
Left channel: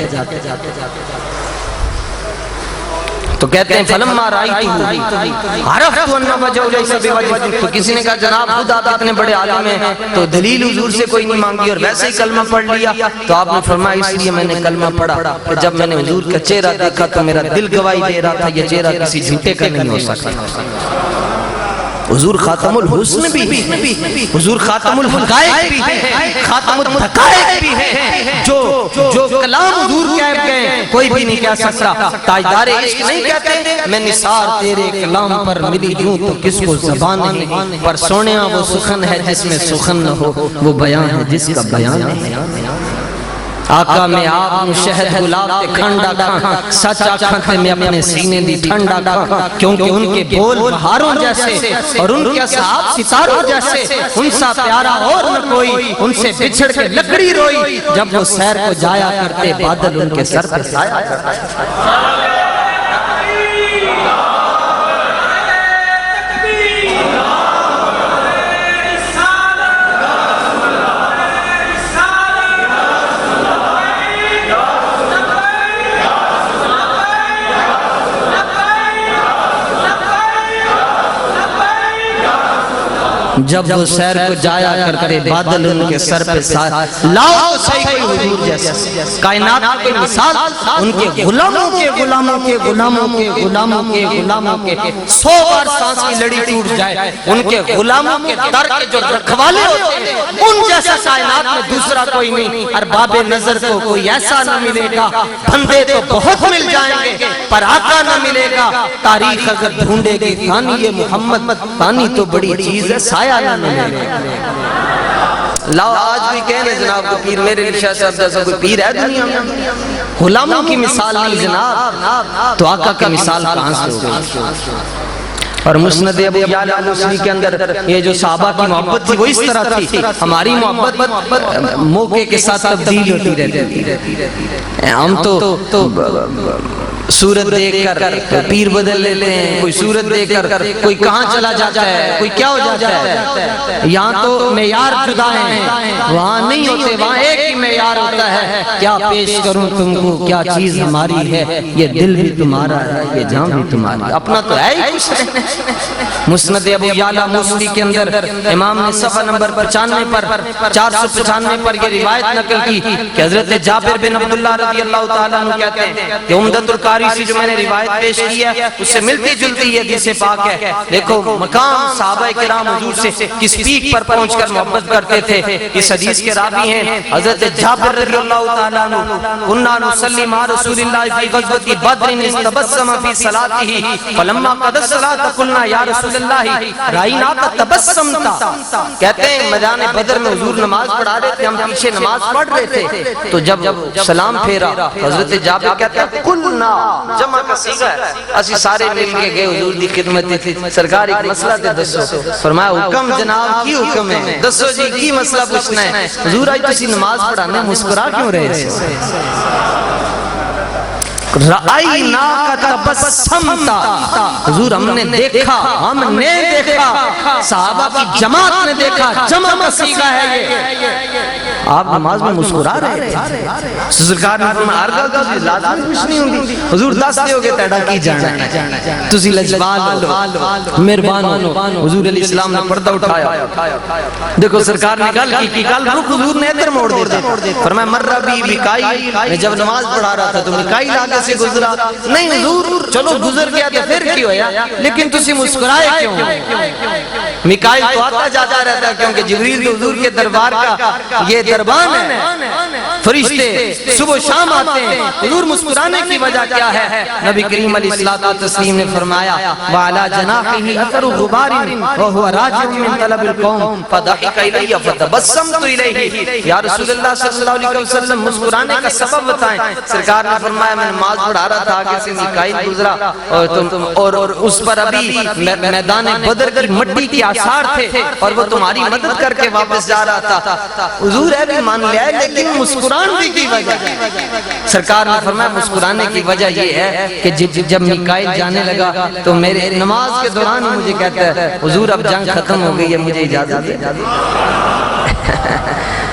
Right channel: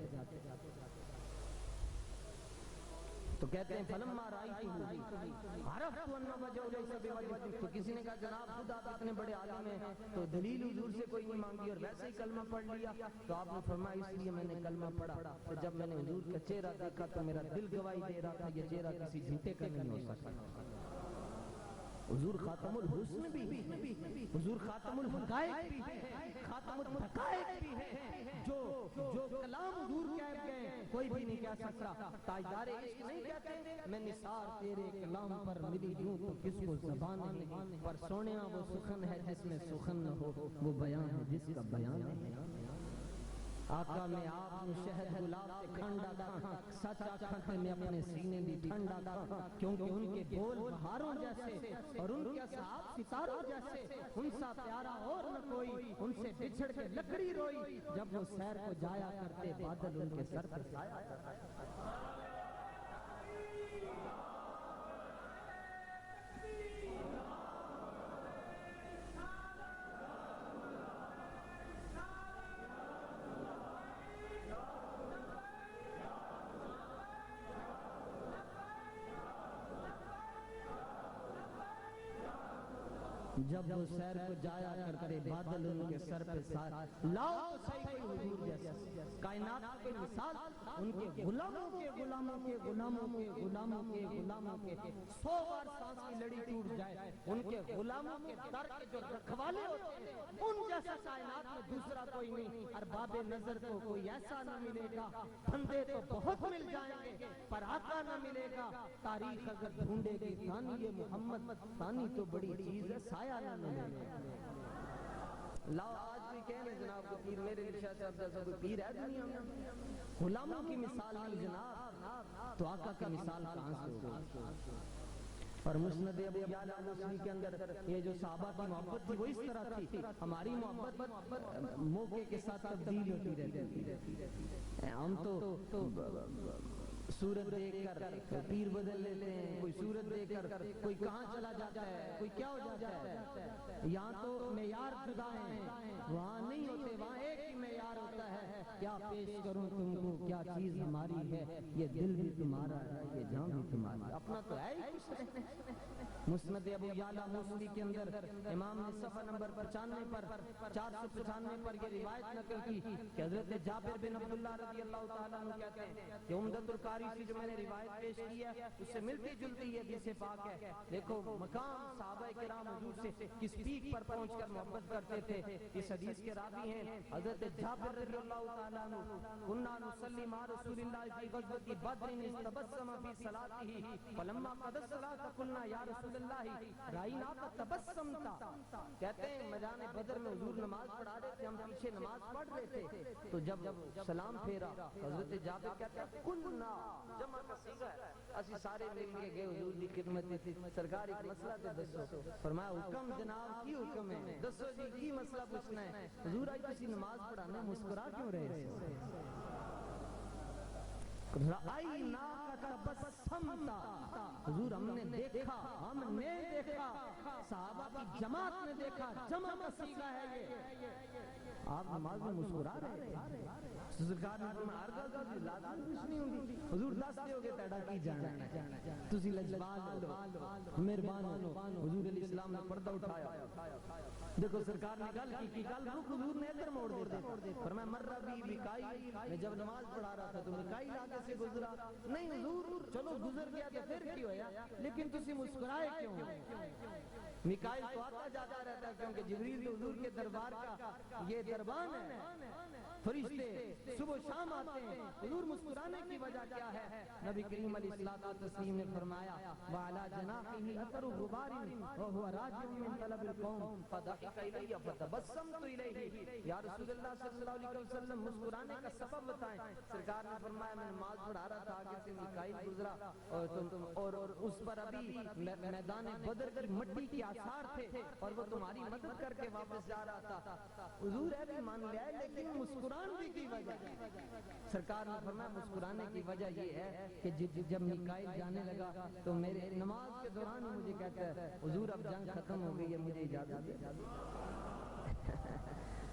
تو کہتے ہیں فلما رأیتہ عرفت ان وجہ لیس بوجہ، تو کسی نے کہا جناب خود آپ اتنے بڑے عالم ہیں تو دلیل حضور سے کوئی نہیں مانگی اور ویسے ہی کلمہ پڑھ لیا، تو آپ نے فرمایا اس لیے میں نے کلمہ پڑھا کہ جب میں نے حضور کا چہرہ دیکھا تو میرا دل گواہی دے رہا تھا یہ چہرہ کسی جھوٹے کا نہیں ہو سکتا۔ حضور خاتم الحسن بھی ہے، حضور خاتم الحقائق بھی ہے، خاتم الحقائق بھی ہے، جو کلام حضور کہہ گئے کوئی بھی نہیں کہہ سکتا۔ تاجدار عشق نہیں کہتے میں نثار تیرے کلام پر ملی ہوں تو کس کو زبان نہیں، پر سونیا وہ سخن ہے جس میں سخن نہ ہو، وہ بیان ہے جس کا بیان نہیں۔ آقا میں آپ شہد گلاب تے کھنڈا کھاں، سچ آکھاں تے میں اپنے سینے دی ٹھنڈا کھاں، کیونکہ ان کے بول بہاروں جیسے اور ان کے اصحاب ستاروں جیسے، ان سا پیارا اور نہ کوئی، ان سے بچھڑ کے لکڑی روئی، جب وہ سیر کو جایا کرتے بادل ان کے سر پہ سایہ کرتے۔ جب وہ سیر کو جایا کرتے بادل ان کے سر پہ لاؤ تو صحیح کوئی حضور جیسا کائنات کی مثال ان کے غلاموں کے غلاموں کے غلاموں کے غلاموں کے غلاموں کے 100 بار سانس کی لڑی ٹوٹ جائے ان کے غلاموں کے در کے جو رکھوالے ہوتے ہیں ان جیسا کائنات میں دوسرا کوئی نہیں ارباب نظر کو کوئی ایسا نہ ملے گا بندے تو بہت مل جائیں گے پر آقا نہ ملے گا تاریخ اگر ڈھونڈے گی ثانی یہ محمد ثانی تو بڑی چیز ہے سایہ نہ ملے گا لاؤ آج بھی کہنے جناب کو پیر میرے شاہ صاحب جیسا کوئی پیر ہے دنیا میں غلاموں کی مثال نہیں جناب تو آقا کی مثال کہاں سے ہوگی اور مسند ابو یعلا موصلی کے اندر یہ جو صحابہ کی محبت تھی وہ اس طرح تھی ہماری محبت موقع کے ساتھ تبدیل ہوتی رہتی ہے ہم تو صورت دیکھ کر پیر بدل لیتے ہیں کوئی صورت دیکھ کر کوئی کہاں چلا جاتا ہے کوئی کیا ہو جاتا ہے یہاں تو معیار جدا ہیں وہاں نہیں ہوتے وہاں ایک ہی معیار ہوتا ہے کیا پیش کروں تم کو کیا چیز ہماری ہے یہ دل بھی تمہارا ہے یہ جان بھی تمہاری اپنا تو ہے ہی کچھ نہیں مسند ابو یعلا موصلی کے اندر امام نے صفحہ نمبر 95 پر 495 پر یہ روایت نقل کی کہ حضرت جابر بن عبداللہ رضی اللہ تعالیٰ عنہ کہتے ہیں کہ عمدۃ القاری سے جو میں نے روایت پیش کی ہے اس سے ملتی جلتی یہ حدیث پاک ہے دیکھو مقام صحابہ کرام حضور سے کس پیک پر پہنچ کر محبت کرتے تھے اس حدیث کے راوی ہیں حضرت جابر رضی اللہ تعالیٰ عنہ كنا نصلي مع رسول الله في غزوة بدر استبسم في صلاته فلما قضى الصلاة قلنا یا رسول اللہ رائناک تبسمتا کہتے ہیں میدان بدر میں حضور نماز پڑھا رہے تھے ہم پیچھے نماز پڑھ رہے تھے تو جب سلام پھیرا حضرت جابر کہتے ہیں قلنا جمع کا صیغہ ہے اسی سارے مل کے گئے حضور دی خدمت تھی سرکار ایک مسئلہ تے دسو فرمایا حکم جناب کی حکم ہے دسو جی کی مسئلہ پوچھنا ہے حضور آج تسی نماز پڑھانے مسکرا کیوں رہے رَأَيْنَاكَ تَبَسَّمْتَ حضور ہم نے دیکھا صحابہ کی جماعت نے دیکھا جمع کا صیغہ ہے یہ آپ نماز میں مسکرا رہے تھے سرکار نے فرمایا ارگا لازم کچھ نہیں ہوندی حضور دس دے ہوگے تیڑا کی جانا تسی لجبال ہو مہربان ہو حضور علیہ السلام نے پردہ اٹھایا دیکھو سرکار نے گل کی گل رخ حضور نے ادھر موڑ دے فرمایا مرہ بھی بکائی میں جب نماز پڑھا رہا تھا تو بکائی آگے سے گزرا نہیں حضور چلو گزر گیا تو پھر کیوں ہے لیکن تسی مسکرائے کیوں میکائیل تو آتا جاتا رہتا کیونکہ جبریل تو حضور کے دربار کا یہ دربان ہے فرشتے صبح و شام آتے ہیں حضور مسکرانے کی وجہ کیا ہے نبی کریم علیہ الصلوۃ والتسلیم نے فرمایا وعلی جناحہ اثر غبار وهو راجع من طلب القوم فضحك الی فتبسمت الیہ یا رسول اللہ صلی اللہ علیہ وسلم مسکرانے کا سبب بتائیں سرکار نے فرمایا میں نماز پڑھا رہا تھا آگے سے میکائیل گزرا اور اس پر ابھی میدان بدر کی مٹی کے آثار تھے اور وہ تمہاری مدد کر کے واپس جا رہا تھا حضور ہے بھی مان لیا ہے لیکن مسکران بھی کی وجہ سرکار نے فرمایا مسکرانے کی وجہ یہ ہے کہ جب میکائیل جانے لگا تو میرے نماز کے دوران مجھے کہتا ہے حضور اب جنگ ختم ہو گئی ہے مجھے اجازت دے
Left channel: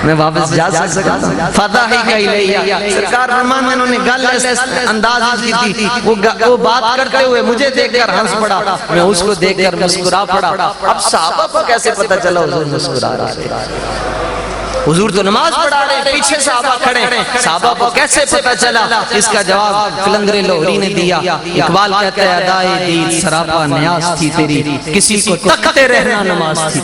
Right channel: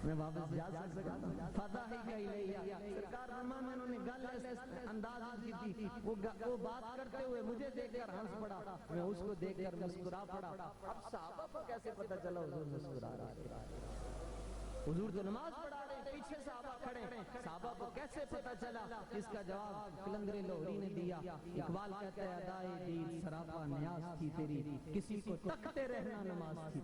میں واپس جا سکتا ہوں فتح ہی کہی لئی سرکار فرمان میں انہوں نے گل انداز کی تھی وہ بات کرتے ہوئے مجھے دیکھ کر ہنس پڑا میں اس کو دیکھ کر مسکرا پڑا اب صحابہ کو کیسے پتہ چلا حضور مسکرا رہے حضور تو نماز پڑھا رہے پیچھے صحابہ کھڑے صحابہ کو کیسے پتہ چلا اس کا جواب قلندر لاہوری نے دیا اقبال کہتا ہے ادائے دید سراپا نیاز تھی تیری کسی کو تکتے رہنا نماز تھی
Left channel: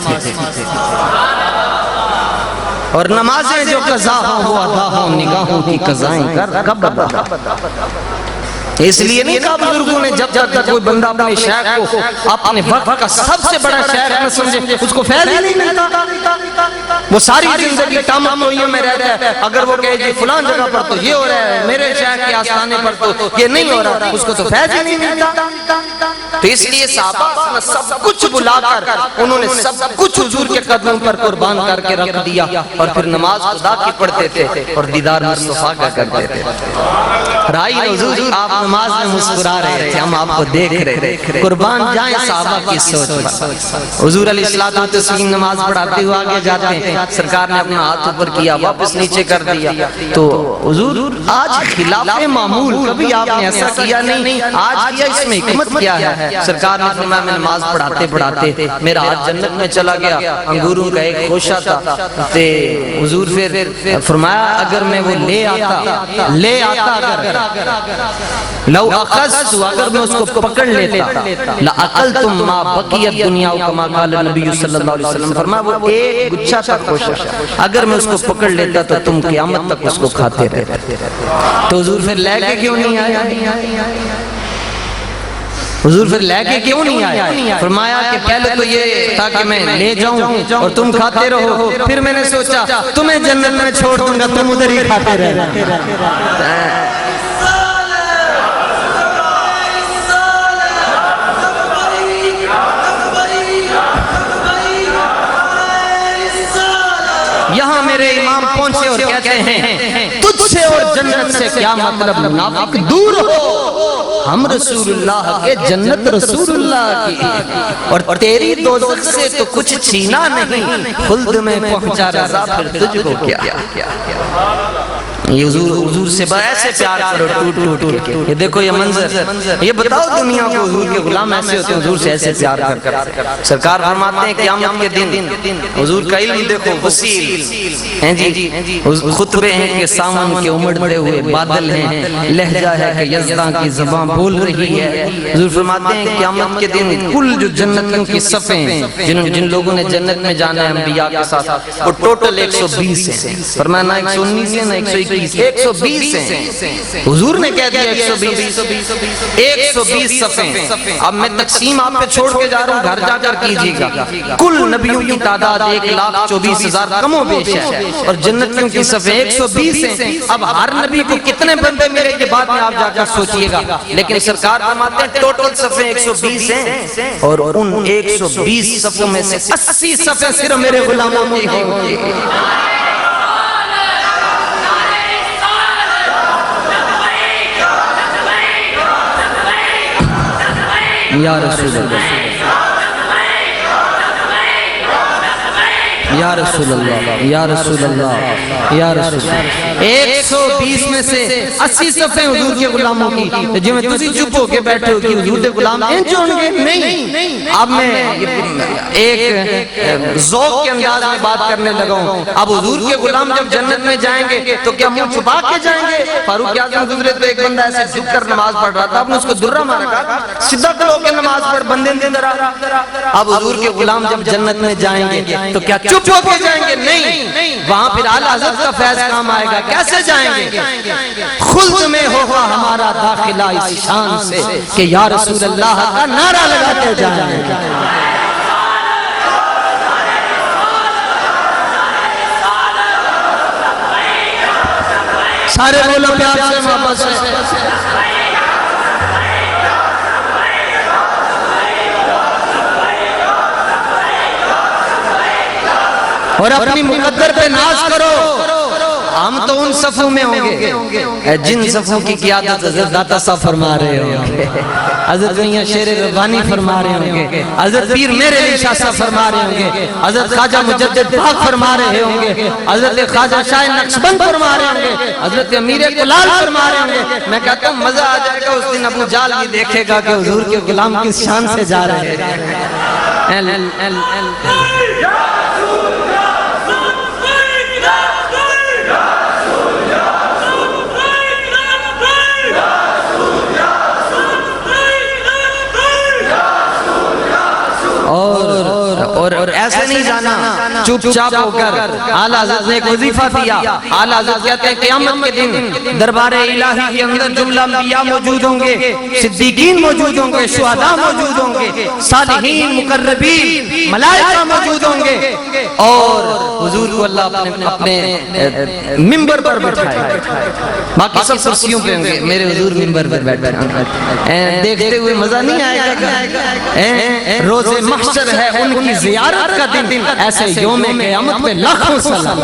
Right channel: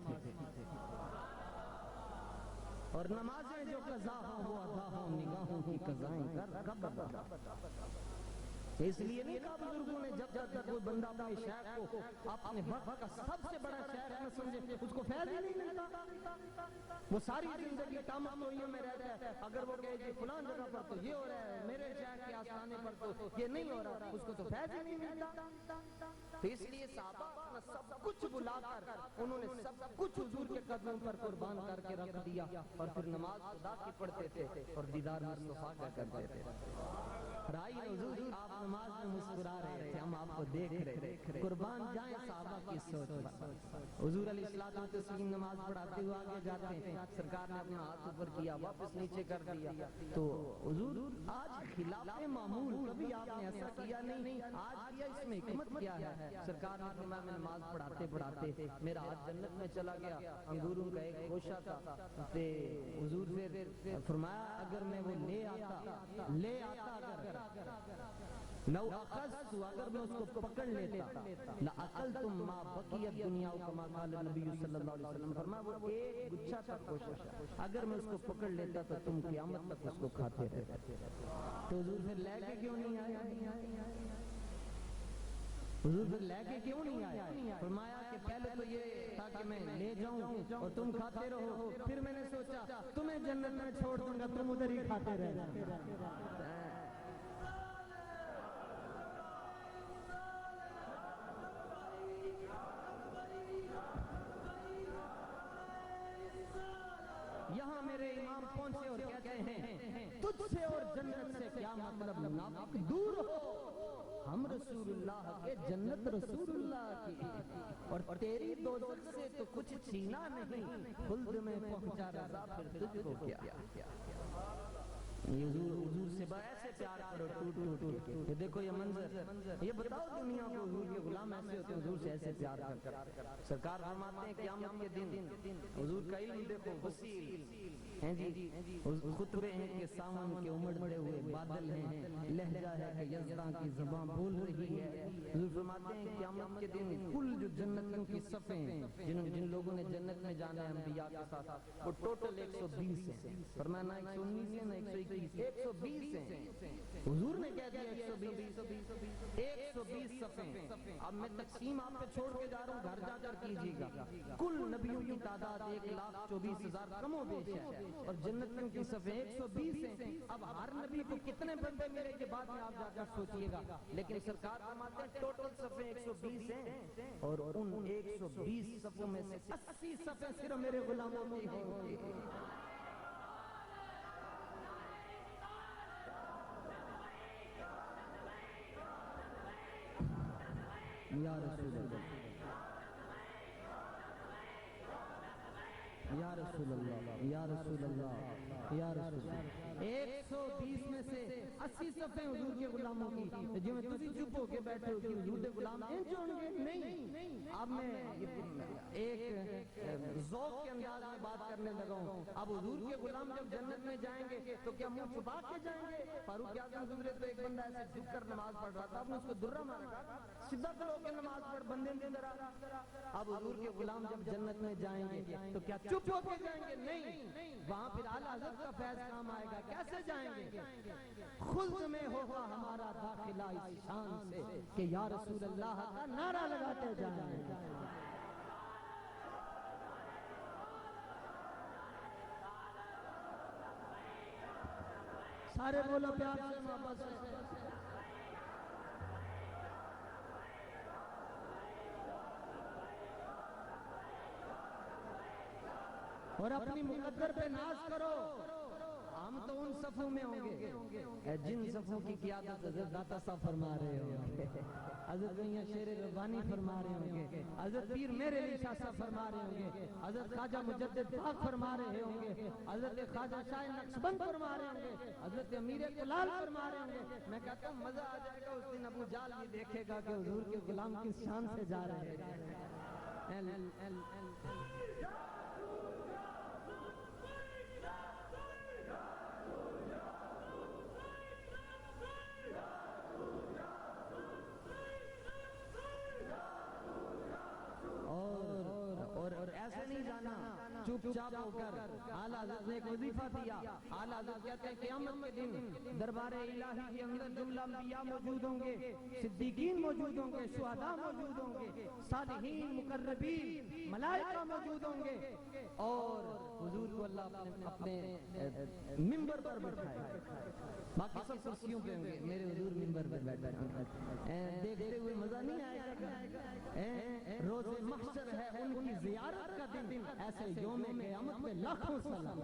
اور نمازیں جو قضا ہوں وہ ادا ہوں نگاہوں کی قضائیں کر کب ادا اس لیے نہیں کہا بزرگوں نے جب تک کوئی بندہ اپنے شیخ کو اپنے وقت کا سب سے بڑا شیخ نہ سمجھے اس کو فیض ہی نہیں ملتا وہ ساری زندگی تاموئیوں میں رہتا ہے اگر وہ کہے جی فلان جگہ پر تو یہ ہو رہا ہے میرے شیخ کے آستانے پر تو یہ نہیں ہو رہا اس کو تو فیض ہی نہیں ملتا تو اس لیے صحابہ سب کچھ بلا کر انہوں نے سب کچھ حضور کے قدموں پر قربان کر کے رکھ دیا اور پھر نماز خدا کی پڑھتے تھے اور دیدار مصطفیٰ کا کرتے تھے رائی حضور آپ نماز میں مسکرا رہے تھے، ہم آپ کو دیکھ رہے تھے، قربان جائیں صحابہ کی سوچ پر۔ حضور علیہ الصلوۃ والتسلیم نماز پڑھاتے ہوئے آگے جاتے ہیں، سرکار نے اپنا ہاتھ اوپر کیا، واپس نیچے کر دیا، تو حضور آج خلاف معمول، کبھی آپ نے ایسا کیا نہیں، آج کیا، اس میں حکمت کیا ہے؟ سرکار نے فرمایا میں نماز پڑھاتے پڑھاتے میرا ہاتھ جنت میں چلا گیا، انگوروں کا ایک خوشہ تھا، تے حضور پھر فرمایا اگر میں وہ لے آتا اگر لو اخذت، اگر میں اس کو پکڑ لیتا لَأَقَلْتُمْ مَا بَقِيَتْ دُنْيَا كَمَا قَالَ النبی صلی اللہ علیہ وسلم، فرمایا وہ ایک گچھا تھا خوشہ، اگر میں اس کو پکڑ لیتا تو تم قیامت تک اس کو کھاتے رہتے۔ تو حضور پھر لے کے کیوں نہیں آیا؟ حضور پھر لے کے کیوں نہیں آیا؟ فرمایا کہ پہلے تو یہ تھا کہ میں لے جاؤں اور تم کھاتے رہو، پھر میں نے سوچا تمہیں جنت میں چھوڑ دوں گا، تم ادھر ہی کھاتے رہنا۔ یہاں میرے امام پہنچے اور کہتے ہیں تجھ سے اور جنت سے کیا مطلب، منافق دور ہو، ہم رسول اللہ کے، جنت رسول اللہ کی، اور تیری دوزخ سے تو کچھ چھینا نہیں، خلد میں پہنچا رضا پھر تجھ کو کیا۔ یہ حضور سے ایسے پیار کرو ٹوٹ ٹوٹ کے، یہ دیکھو یہ منظر، یہ بتاؤ دنیا کو حضور کے غلام ایسے ہوتے ہیں، حضور سے ایسے پیار کر۔ سرکار فرماتے ہیں قیامت کے دن حضور کا علم دیکھو وسیل ہیں جی، خطبے ہیں کہ سامن کے امڑتے ہوئے بادل ہیں، لہجہ ہے کہ یزداں کی زبان بول رہی ہے۔ حضور فرماتے ہیں قیامت کے دن کل جو جنتیوں کی صفیں جن لوگوں نے جنت میں جانا ہے انبیاء کے ساتھ، وہ ٹوٹل 120 ہیں، فرمایا نہ 119 ہے نہ 121، 120 ہیں۔ حضور نے کہہ دیا 120 صفیں۔ اب میں تقسیم آپ پہ چھوڑ کے جا رہا ہوں، گھر جا کر کیجئے گا۔ کل نبیوں کی تعداد 1,24,000 کم و بیش ہے، اور جنتیوں کی صفیں 120 ہیں۔ اب ہر نبی کو کتنے بندے میرے کے بعد میں آپ جا کر سوچئے گا، لیکن سرکار فرماتے ہیں ٹوٹل صفیں 120 ہیں، اور ان 120 صفوں میں سے 80 صفیں صرف میرے غلاموں کی ہوگی۔ یا رسول اللہ، یا رسول اللہ، یا رسول اللہ، یا رسول اللہ۔ 120 میں سے 80 صفیں حضور کے غلاموں کی، جو میں تسی چپ ہو کے بیٹھے ہو کہ حضور کے غلام انج ہوں گے، نہیں۔ اب میں ایک ذوق کے انداز میں بات کرنے لگا ہوں۔ اب حضور کے غلام جب جنت میں جائیں گے تو کیا منہ چھپا کے جائیں گے؟ فاروق اعظم گزرے تو ایک بندہ ایسے جھک کر نماز پڑھ رہا تھا، آپ نے اس کو درہ مارا، کہا سیدھا کھڑو کے نماز پڑھ، بندے اندر آ۔ اب حضور کے غلام جب جنت میں جائیں گے تو کیا چپ ہو کے جائیں گے؟ نہیں، وہاں پھر اعلیٰ حضرت کا فیض کام آئے گا۔ کیسے جائیں گے؟ خلد میں ہوگا ہمارا داخلہ اس شان سے کہ یا رسول اللہ کا نعرہ لگاتے جائیں گے۔ سارے بولو پیار سے محبت سے۔ اور اپنی مقدر پہ ناز کرو، ہم تو ان صفوں میں ہوں گے جن صفوں کی قیادت حضرت داتا صاحب فرما رہے ہوں گے، حضرت میاں شیر ربانی فرما رہے ہوں گے، حضرت پیر میرے علی شاہ صاحب فرما رہے ہوں گے، حضرت خواجہ مجدد پاک فرما رہے ہوں گے، حضرت خواجہ شاہ نقشبند فرما رہے ہوں گے، حضرت امیر کلال فرما رہے ہوں گے۔ میں کہتا ہوں مزہ آ جائے گا اس دن، ابو جال بھی دیکھے گا کہ حضور کے غلام کس شان سے جا رہے ہیں۔ اور ایسے نہیں جانا چپ چاپ ہو کر۔ اعلیٰ حضرت نے ایک وظیفہ دیا، اعلیٰ حضرت کہتے ہیں قیامت کے دن دربار الہی کے اندر جملہ انبیاء موجود ہوں گے، صدیقین موجود ہوں گے، شہداء موجود ہوں گے، صالحین، مقربین، ملائکہ موجود ہوں گے، اور حضور کو اللہ اپنے ممبر پر بٹھائے، باقی سب کرسیوں پہ ہوں گے، میرے حضور ممبر پر بیٹھے ہوں گے۔ دیکھتے ہوئے مزہ نہیں آئے گا؟ روز محشر ہے ان کی زیارت کا دن ایسے یوم قیامت پہ لاکھوں سلام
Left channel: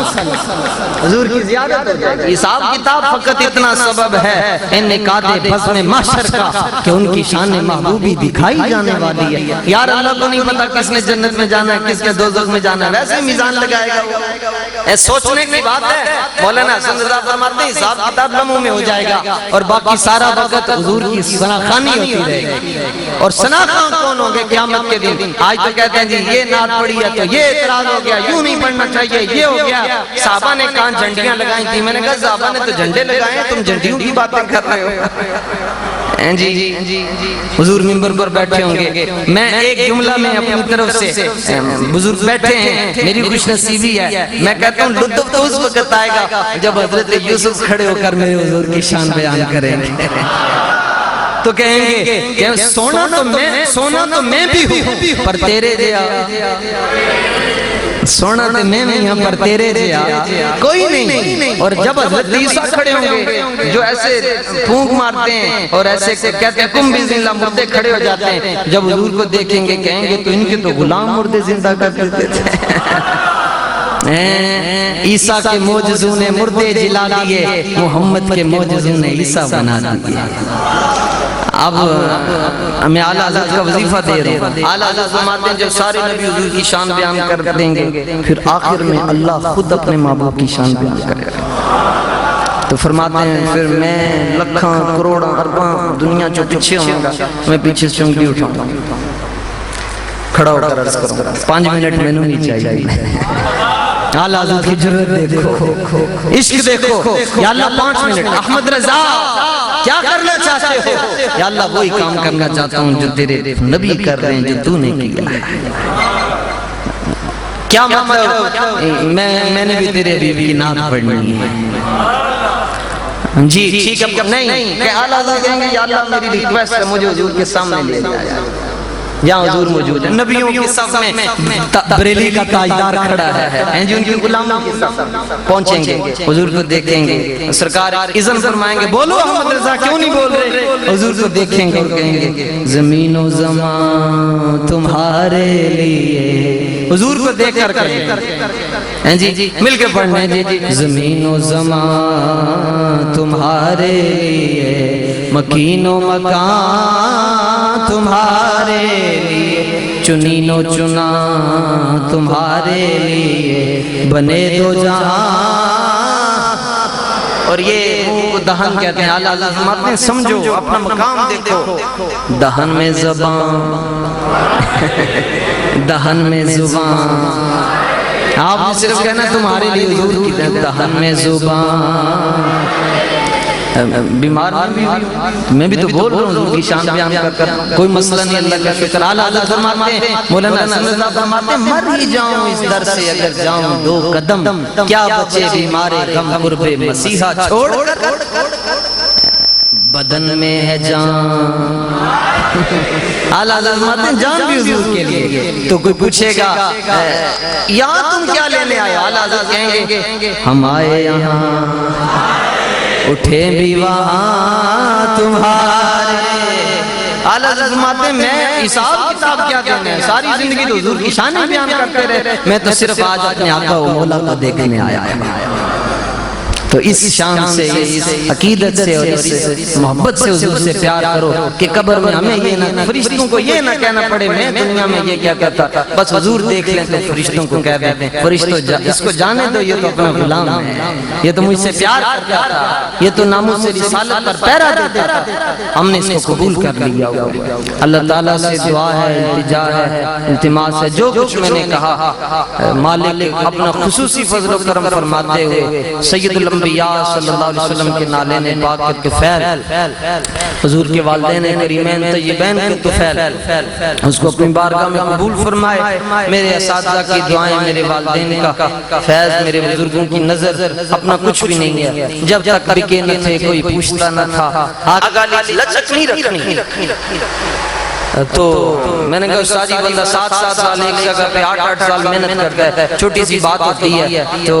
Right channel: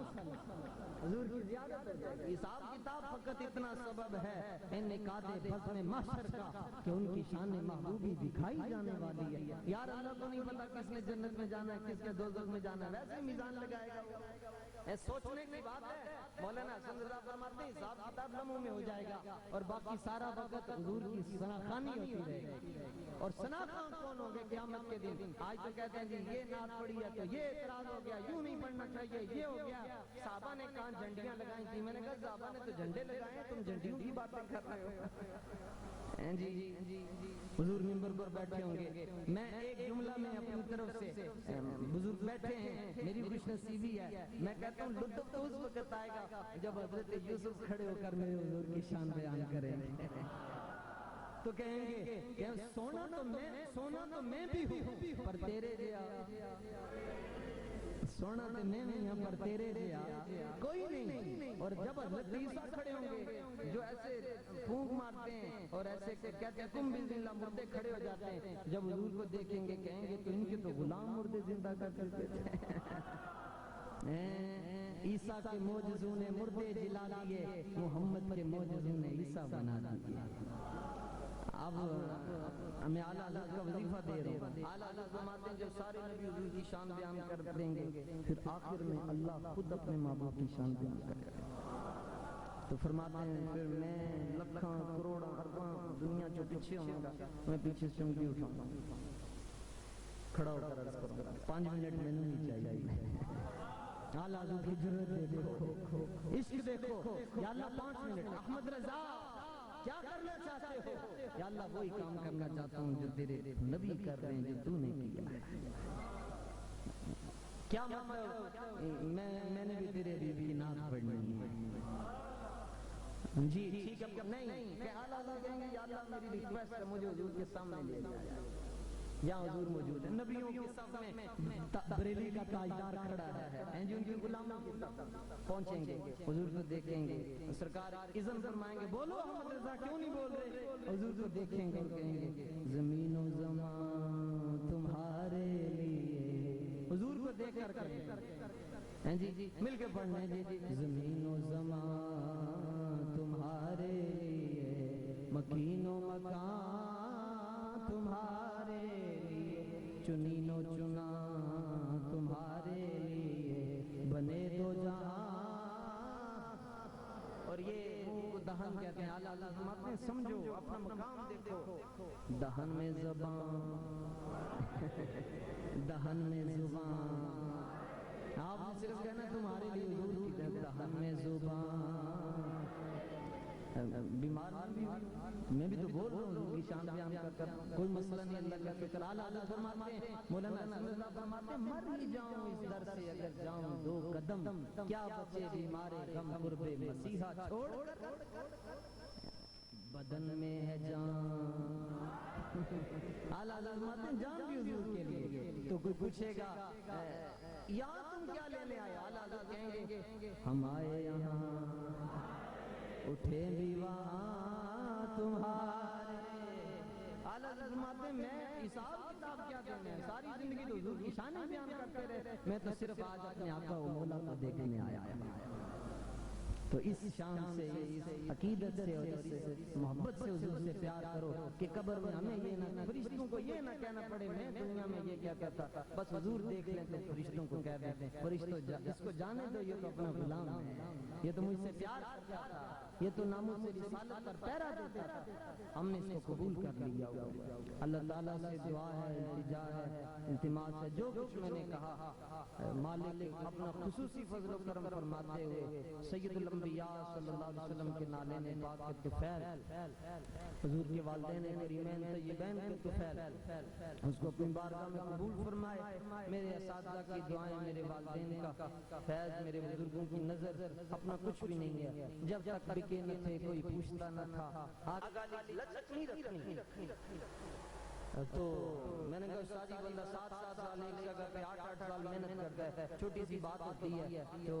حضور کی زیارت ہو جائے گی حساب کتاب فقط اتنا سبب ہے ان نکات بزم محشر کا کہ ان کی شان محبوبی دکھائی جانے والی ہے یار اللہ کو نہیں پتا کس نے جنت میں جانا ہے کس نے دوزخ میں جانا ہے ویسے میزان لگائے گا وہ سوچنے کی بات ہے مولانا حسن رضا فرماتے ہیں حساب کتاب لمحوں میں ہو جائے گا اور باقی سارا وقت حضور کی ثناخوانی ہوتی رہے گی اور ثناخوان کون ہوں گے قیامت کے دن آج تو کہتے ہیں جی یہ نعت پڑھی ہے تو یہ اعتراض ہو گیا یوں نہیں پڑھنا چاہیے یہ ہو گیا صحابہ نے کہاں جھنڈیاں لگائیں تھی میں نے کہا صحابہ نے تو جھنڈے لگائے ہیں تم جھنڈیوں کی باتیں کر رہے ہو جی حضور منبر پر بیٹھے ہوں گے میں ایک جملہ میں اپنی طرف سے بزرگ بیٹھے ہیں میری خوش نصیبی ہے میں کہتا ہوں لطف تو اس وقت آئے گا جب حضرت یوسف کھڑے ہو کر میرے حضور کی شان بیان کریں گے تو کہیں گے کہ سونا تو میں بھی ہوں پر تیرے جیا سونا تو میں نہیں ہوں پر تیرے جیا کوئی نہیں اور جب حضرت عیسیٰ کھڑے ہوں گے جو ایسے پھونک مارتے ہیں اور ایسے کہتے ہیں کم بھی زندہ مردے کھڑے ہو جاتے ہیں جب حضور کو دیکھیں گے کہیں گے تو ان کے تو غلام مردے زندہ کرتے تھے عیسیٰ کے معجزوں نے مردے جلا دیے محمد کے معجزوں نے عیسیٰ بنا دیے اب میں اعلیٰ حضرت کا وظیفہ دے رہا ہوں اعلیٰ حضرت فرماتے ہیں جب سارے نبی حضور کی شان بیان کر دیں گے پھر آخر میں اللہ خود اپنے محبوب کی شان بیان کرے گا تو فرماتے ہیں پھر میں لکھاں کروڑاں ارباں دنیا جو پیچھے ہوں گا میں پیچھے سے انگلی اٹھاؤں گا کھڑا ہو کر عرض کروں گا 5 منٹ میں نہیں چاہیے اعلیٰ حضرت کی جرت دیکھو عشق دیکھو یا اللہ 5 منٹ احمد رضا کیا کرنا چاہتے ہو یا اللہ وہی کام کرنا چاہتا ہوں جو تیرے نبی کر رہے ہیں جو تو نے کیا ہے کیا مطلب میں نے بھی تیرے بیوی کی نعت پڑھنی ہے جی ٹھیک ہے نہیں کہ اعلیٰ حضرت کہیں گے یا اللہ میری ریکویسٹ ہے مجھے حضور کے سامنے لے جائے یہاں حضور موجود ہے نبیوں کی صف میں بریلی کا تاجدار کھڑا ہے جو ان کی غلاموں کی صف پہنچیں گے حضور کو دیکھیں گے سرکار اذن فرمائیں گے بولو احمد رضا کیوں نہیں بول رہے حضور کو دیکھیں گے اور کہیں گے زمین و زمان تمہارے لیے حضور کو دیکھ کر کہیں جی مل کے پڑھنے جی زمین و زمان تمہارے لیے مکین و مکان تمہارے لیے چنین و چنا تمہارے لیے بنے دو جہاں اور یہ دہن کہتے ہیں اعلیٰ حضرت فرماتے ہیں سمجھو اپنا مقام دیکھو دہن میں زبان دہن میں زبان آپ نے صرف کہنا تمہارے لیے حضور کی دہن میں زبان بیمار میں بھی تو بول رہا ہوں حضور کی شان بیان کر کوئی مسئلہ نہیں اللہ کا شکر اعلیٰ حضرت فرماتے ہیں مولانا حسن رضا فرماتے ہیں مر ہی جاؤں اس در سے اگر جاؤں 2 قدم کیا بچے بیمارے غم قرب مسیحا چھوڑ بدن میں ہے جان اعلیٰ حضرت فرماتے ہیں جان بھی حضور کے لیے تو کوئی پوچھے گا یہاں تم کیا لینے آئے اعلیٰ حضرت کہیں گے ہم آئے یہاں اٹھے بھی وہاں تمہارے اعلیٰ حضرت فرماتے ہیں میں حساب کتاب کیا دینا ہے ساری زندگی تو حضور کی شان بیان کرتے رہے میں تو صرف آج اپنے آقا و مولا کو دیکھنے آیا تو اس شان سے اس عقیدت سے اور اس محبت سے حضور سے پیار کرو کہ قبر میں ہمیں یہ نہ فرشتوں کو یہ نہ کہنا پڑے میں دنیا میں یہ کیا کہتا بس حضور دیکھ لیں تو فرشتوں کو کہہ دیتے ہیں فرشتوں اس کو جانے دو یہ تو اپنا غلام ہے یہ تو مجھ سے پیار کرتا تھا یہ تو ناموس سے رسالت پر پیرا دیتا تھا ہم نے اس کو قبول کر لیا اللہ تعالیٰ سے دعا ہے التجا ہے التماس ہے جو کچھ میں نے کہا مالک اپنا خصوصی فضل و کرم فرماتے ہوئے سید الانبیاء صلی اللہ علیہ وسلم کے نالین پاک کے طفیل حضور کے والدین کریمین طیبین کے طفیل اس کو اپنی بارگاہ میں قبول فرمائے میرے اساتذہ کی دعائیں میرے والدین کا فیض میرے بزرگوں کی نظر اپنا کچھ بھی نہیں ہے جب تک بکے نہ تھے کوئی پوچھتا نہ تھا آگالی لچک نہیں رکھنی تو میں نے کہا استاد جی بندہ 7 سال ایک جگہ پہ 8 سال محنت کرتا ہے، چھوٹی سی بات ہوتی ہے تو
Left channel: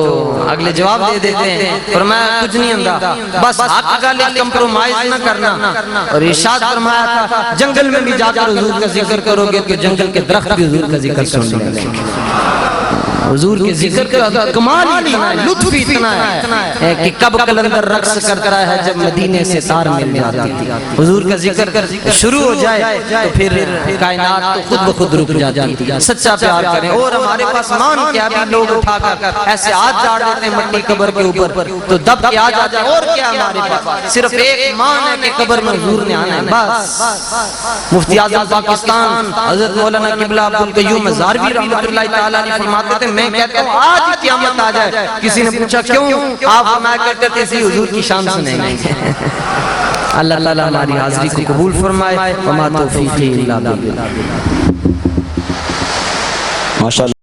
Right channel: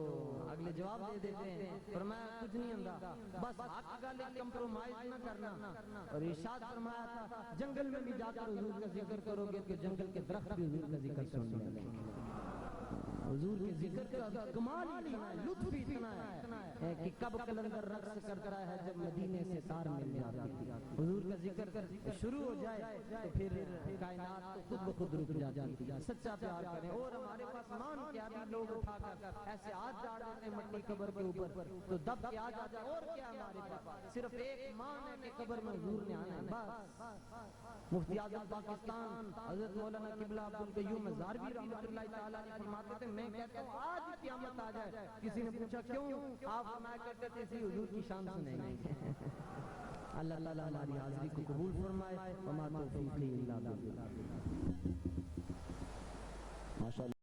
اگلے جواب دے دیتے ہیں، اور میں کچھ نہیں ہوندا، بس حق گل کمپرومائز نہ کرنا۔ اور ارشاد فرمایا تھا جنگل میں بھی جا کر حضور کا ذکر کرو گے تو جنگل کے درخت بھی حضور کا ذکر سن لیں گے۔ حضور کے ذکر کا کمال اتنا ہے، لطف اتنا ہے کہ کب کلندر رقص کرتا ہے جب مدینے سے تار مل جاتی تھی۔ حضور کا ذکر شروع ہو جائے تو پھر کائنات تو خود بخود رک جاتی ہے۔ سچا پیار کریں، اور ہمارے پاس مان کیا بھی لوگ اٹھا کر ایسے ہاتھ ڈال دیتے ہیں مٹی قبر کے اوپر تو دب کے آ جاتے ہیں، اور کیا ہمارے پاس صرف ایک مان ہے کہ قبر میں حضور نے آنا ہے بس۔ مفتی اعظم پاکستان حضرت مولانا قبلہ عبدالقیوم ہزاروی رحمۃ اللہ تعالی علیہ فرماتے تھے میں کہتا ہوں آج ہی قیامت آ جائے، کسی نے پوچھا کیوں؟ آپ فرمایا کرتے تھے اسی حضور کی شان سنیں گے۔ اللہ تعالیٰ ہماری حاضری کو قبول فرمائے، وما توفیقی الا باللہ۔ ماشاءاللہ۔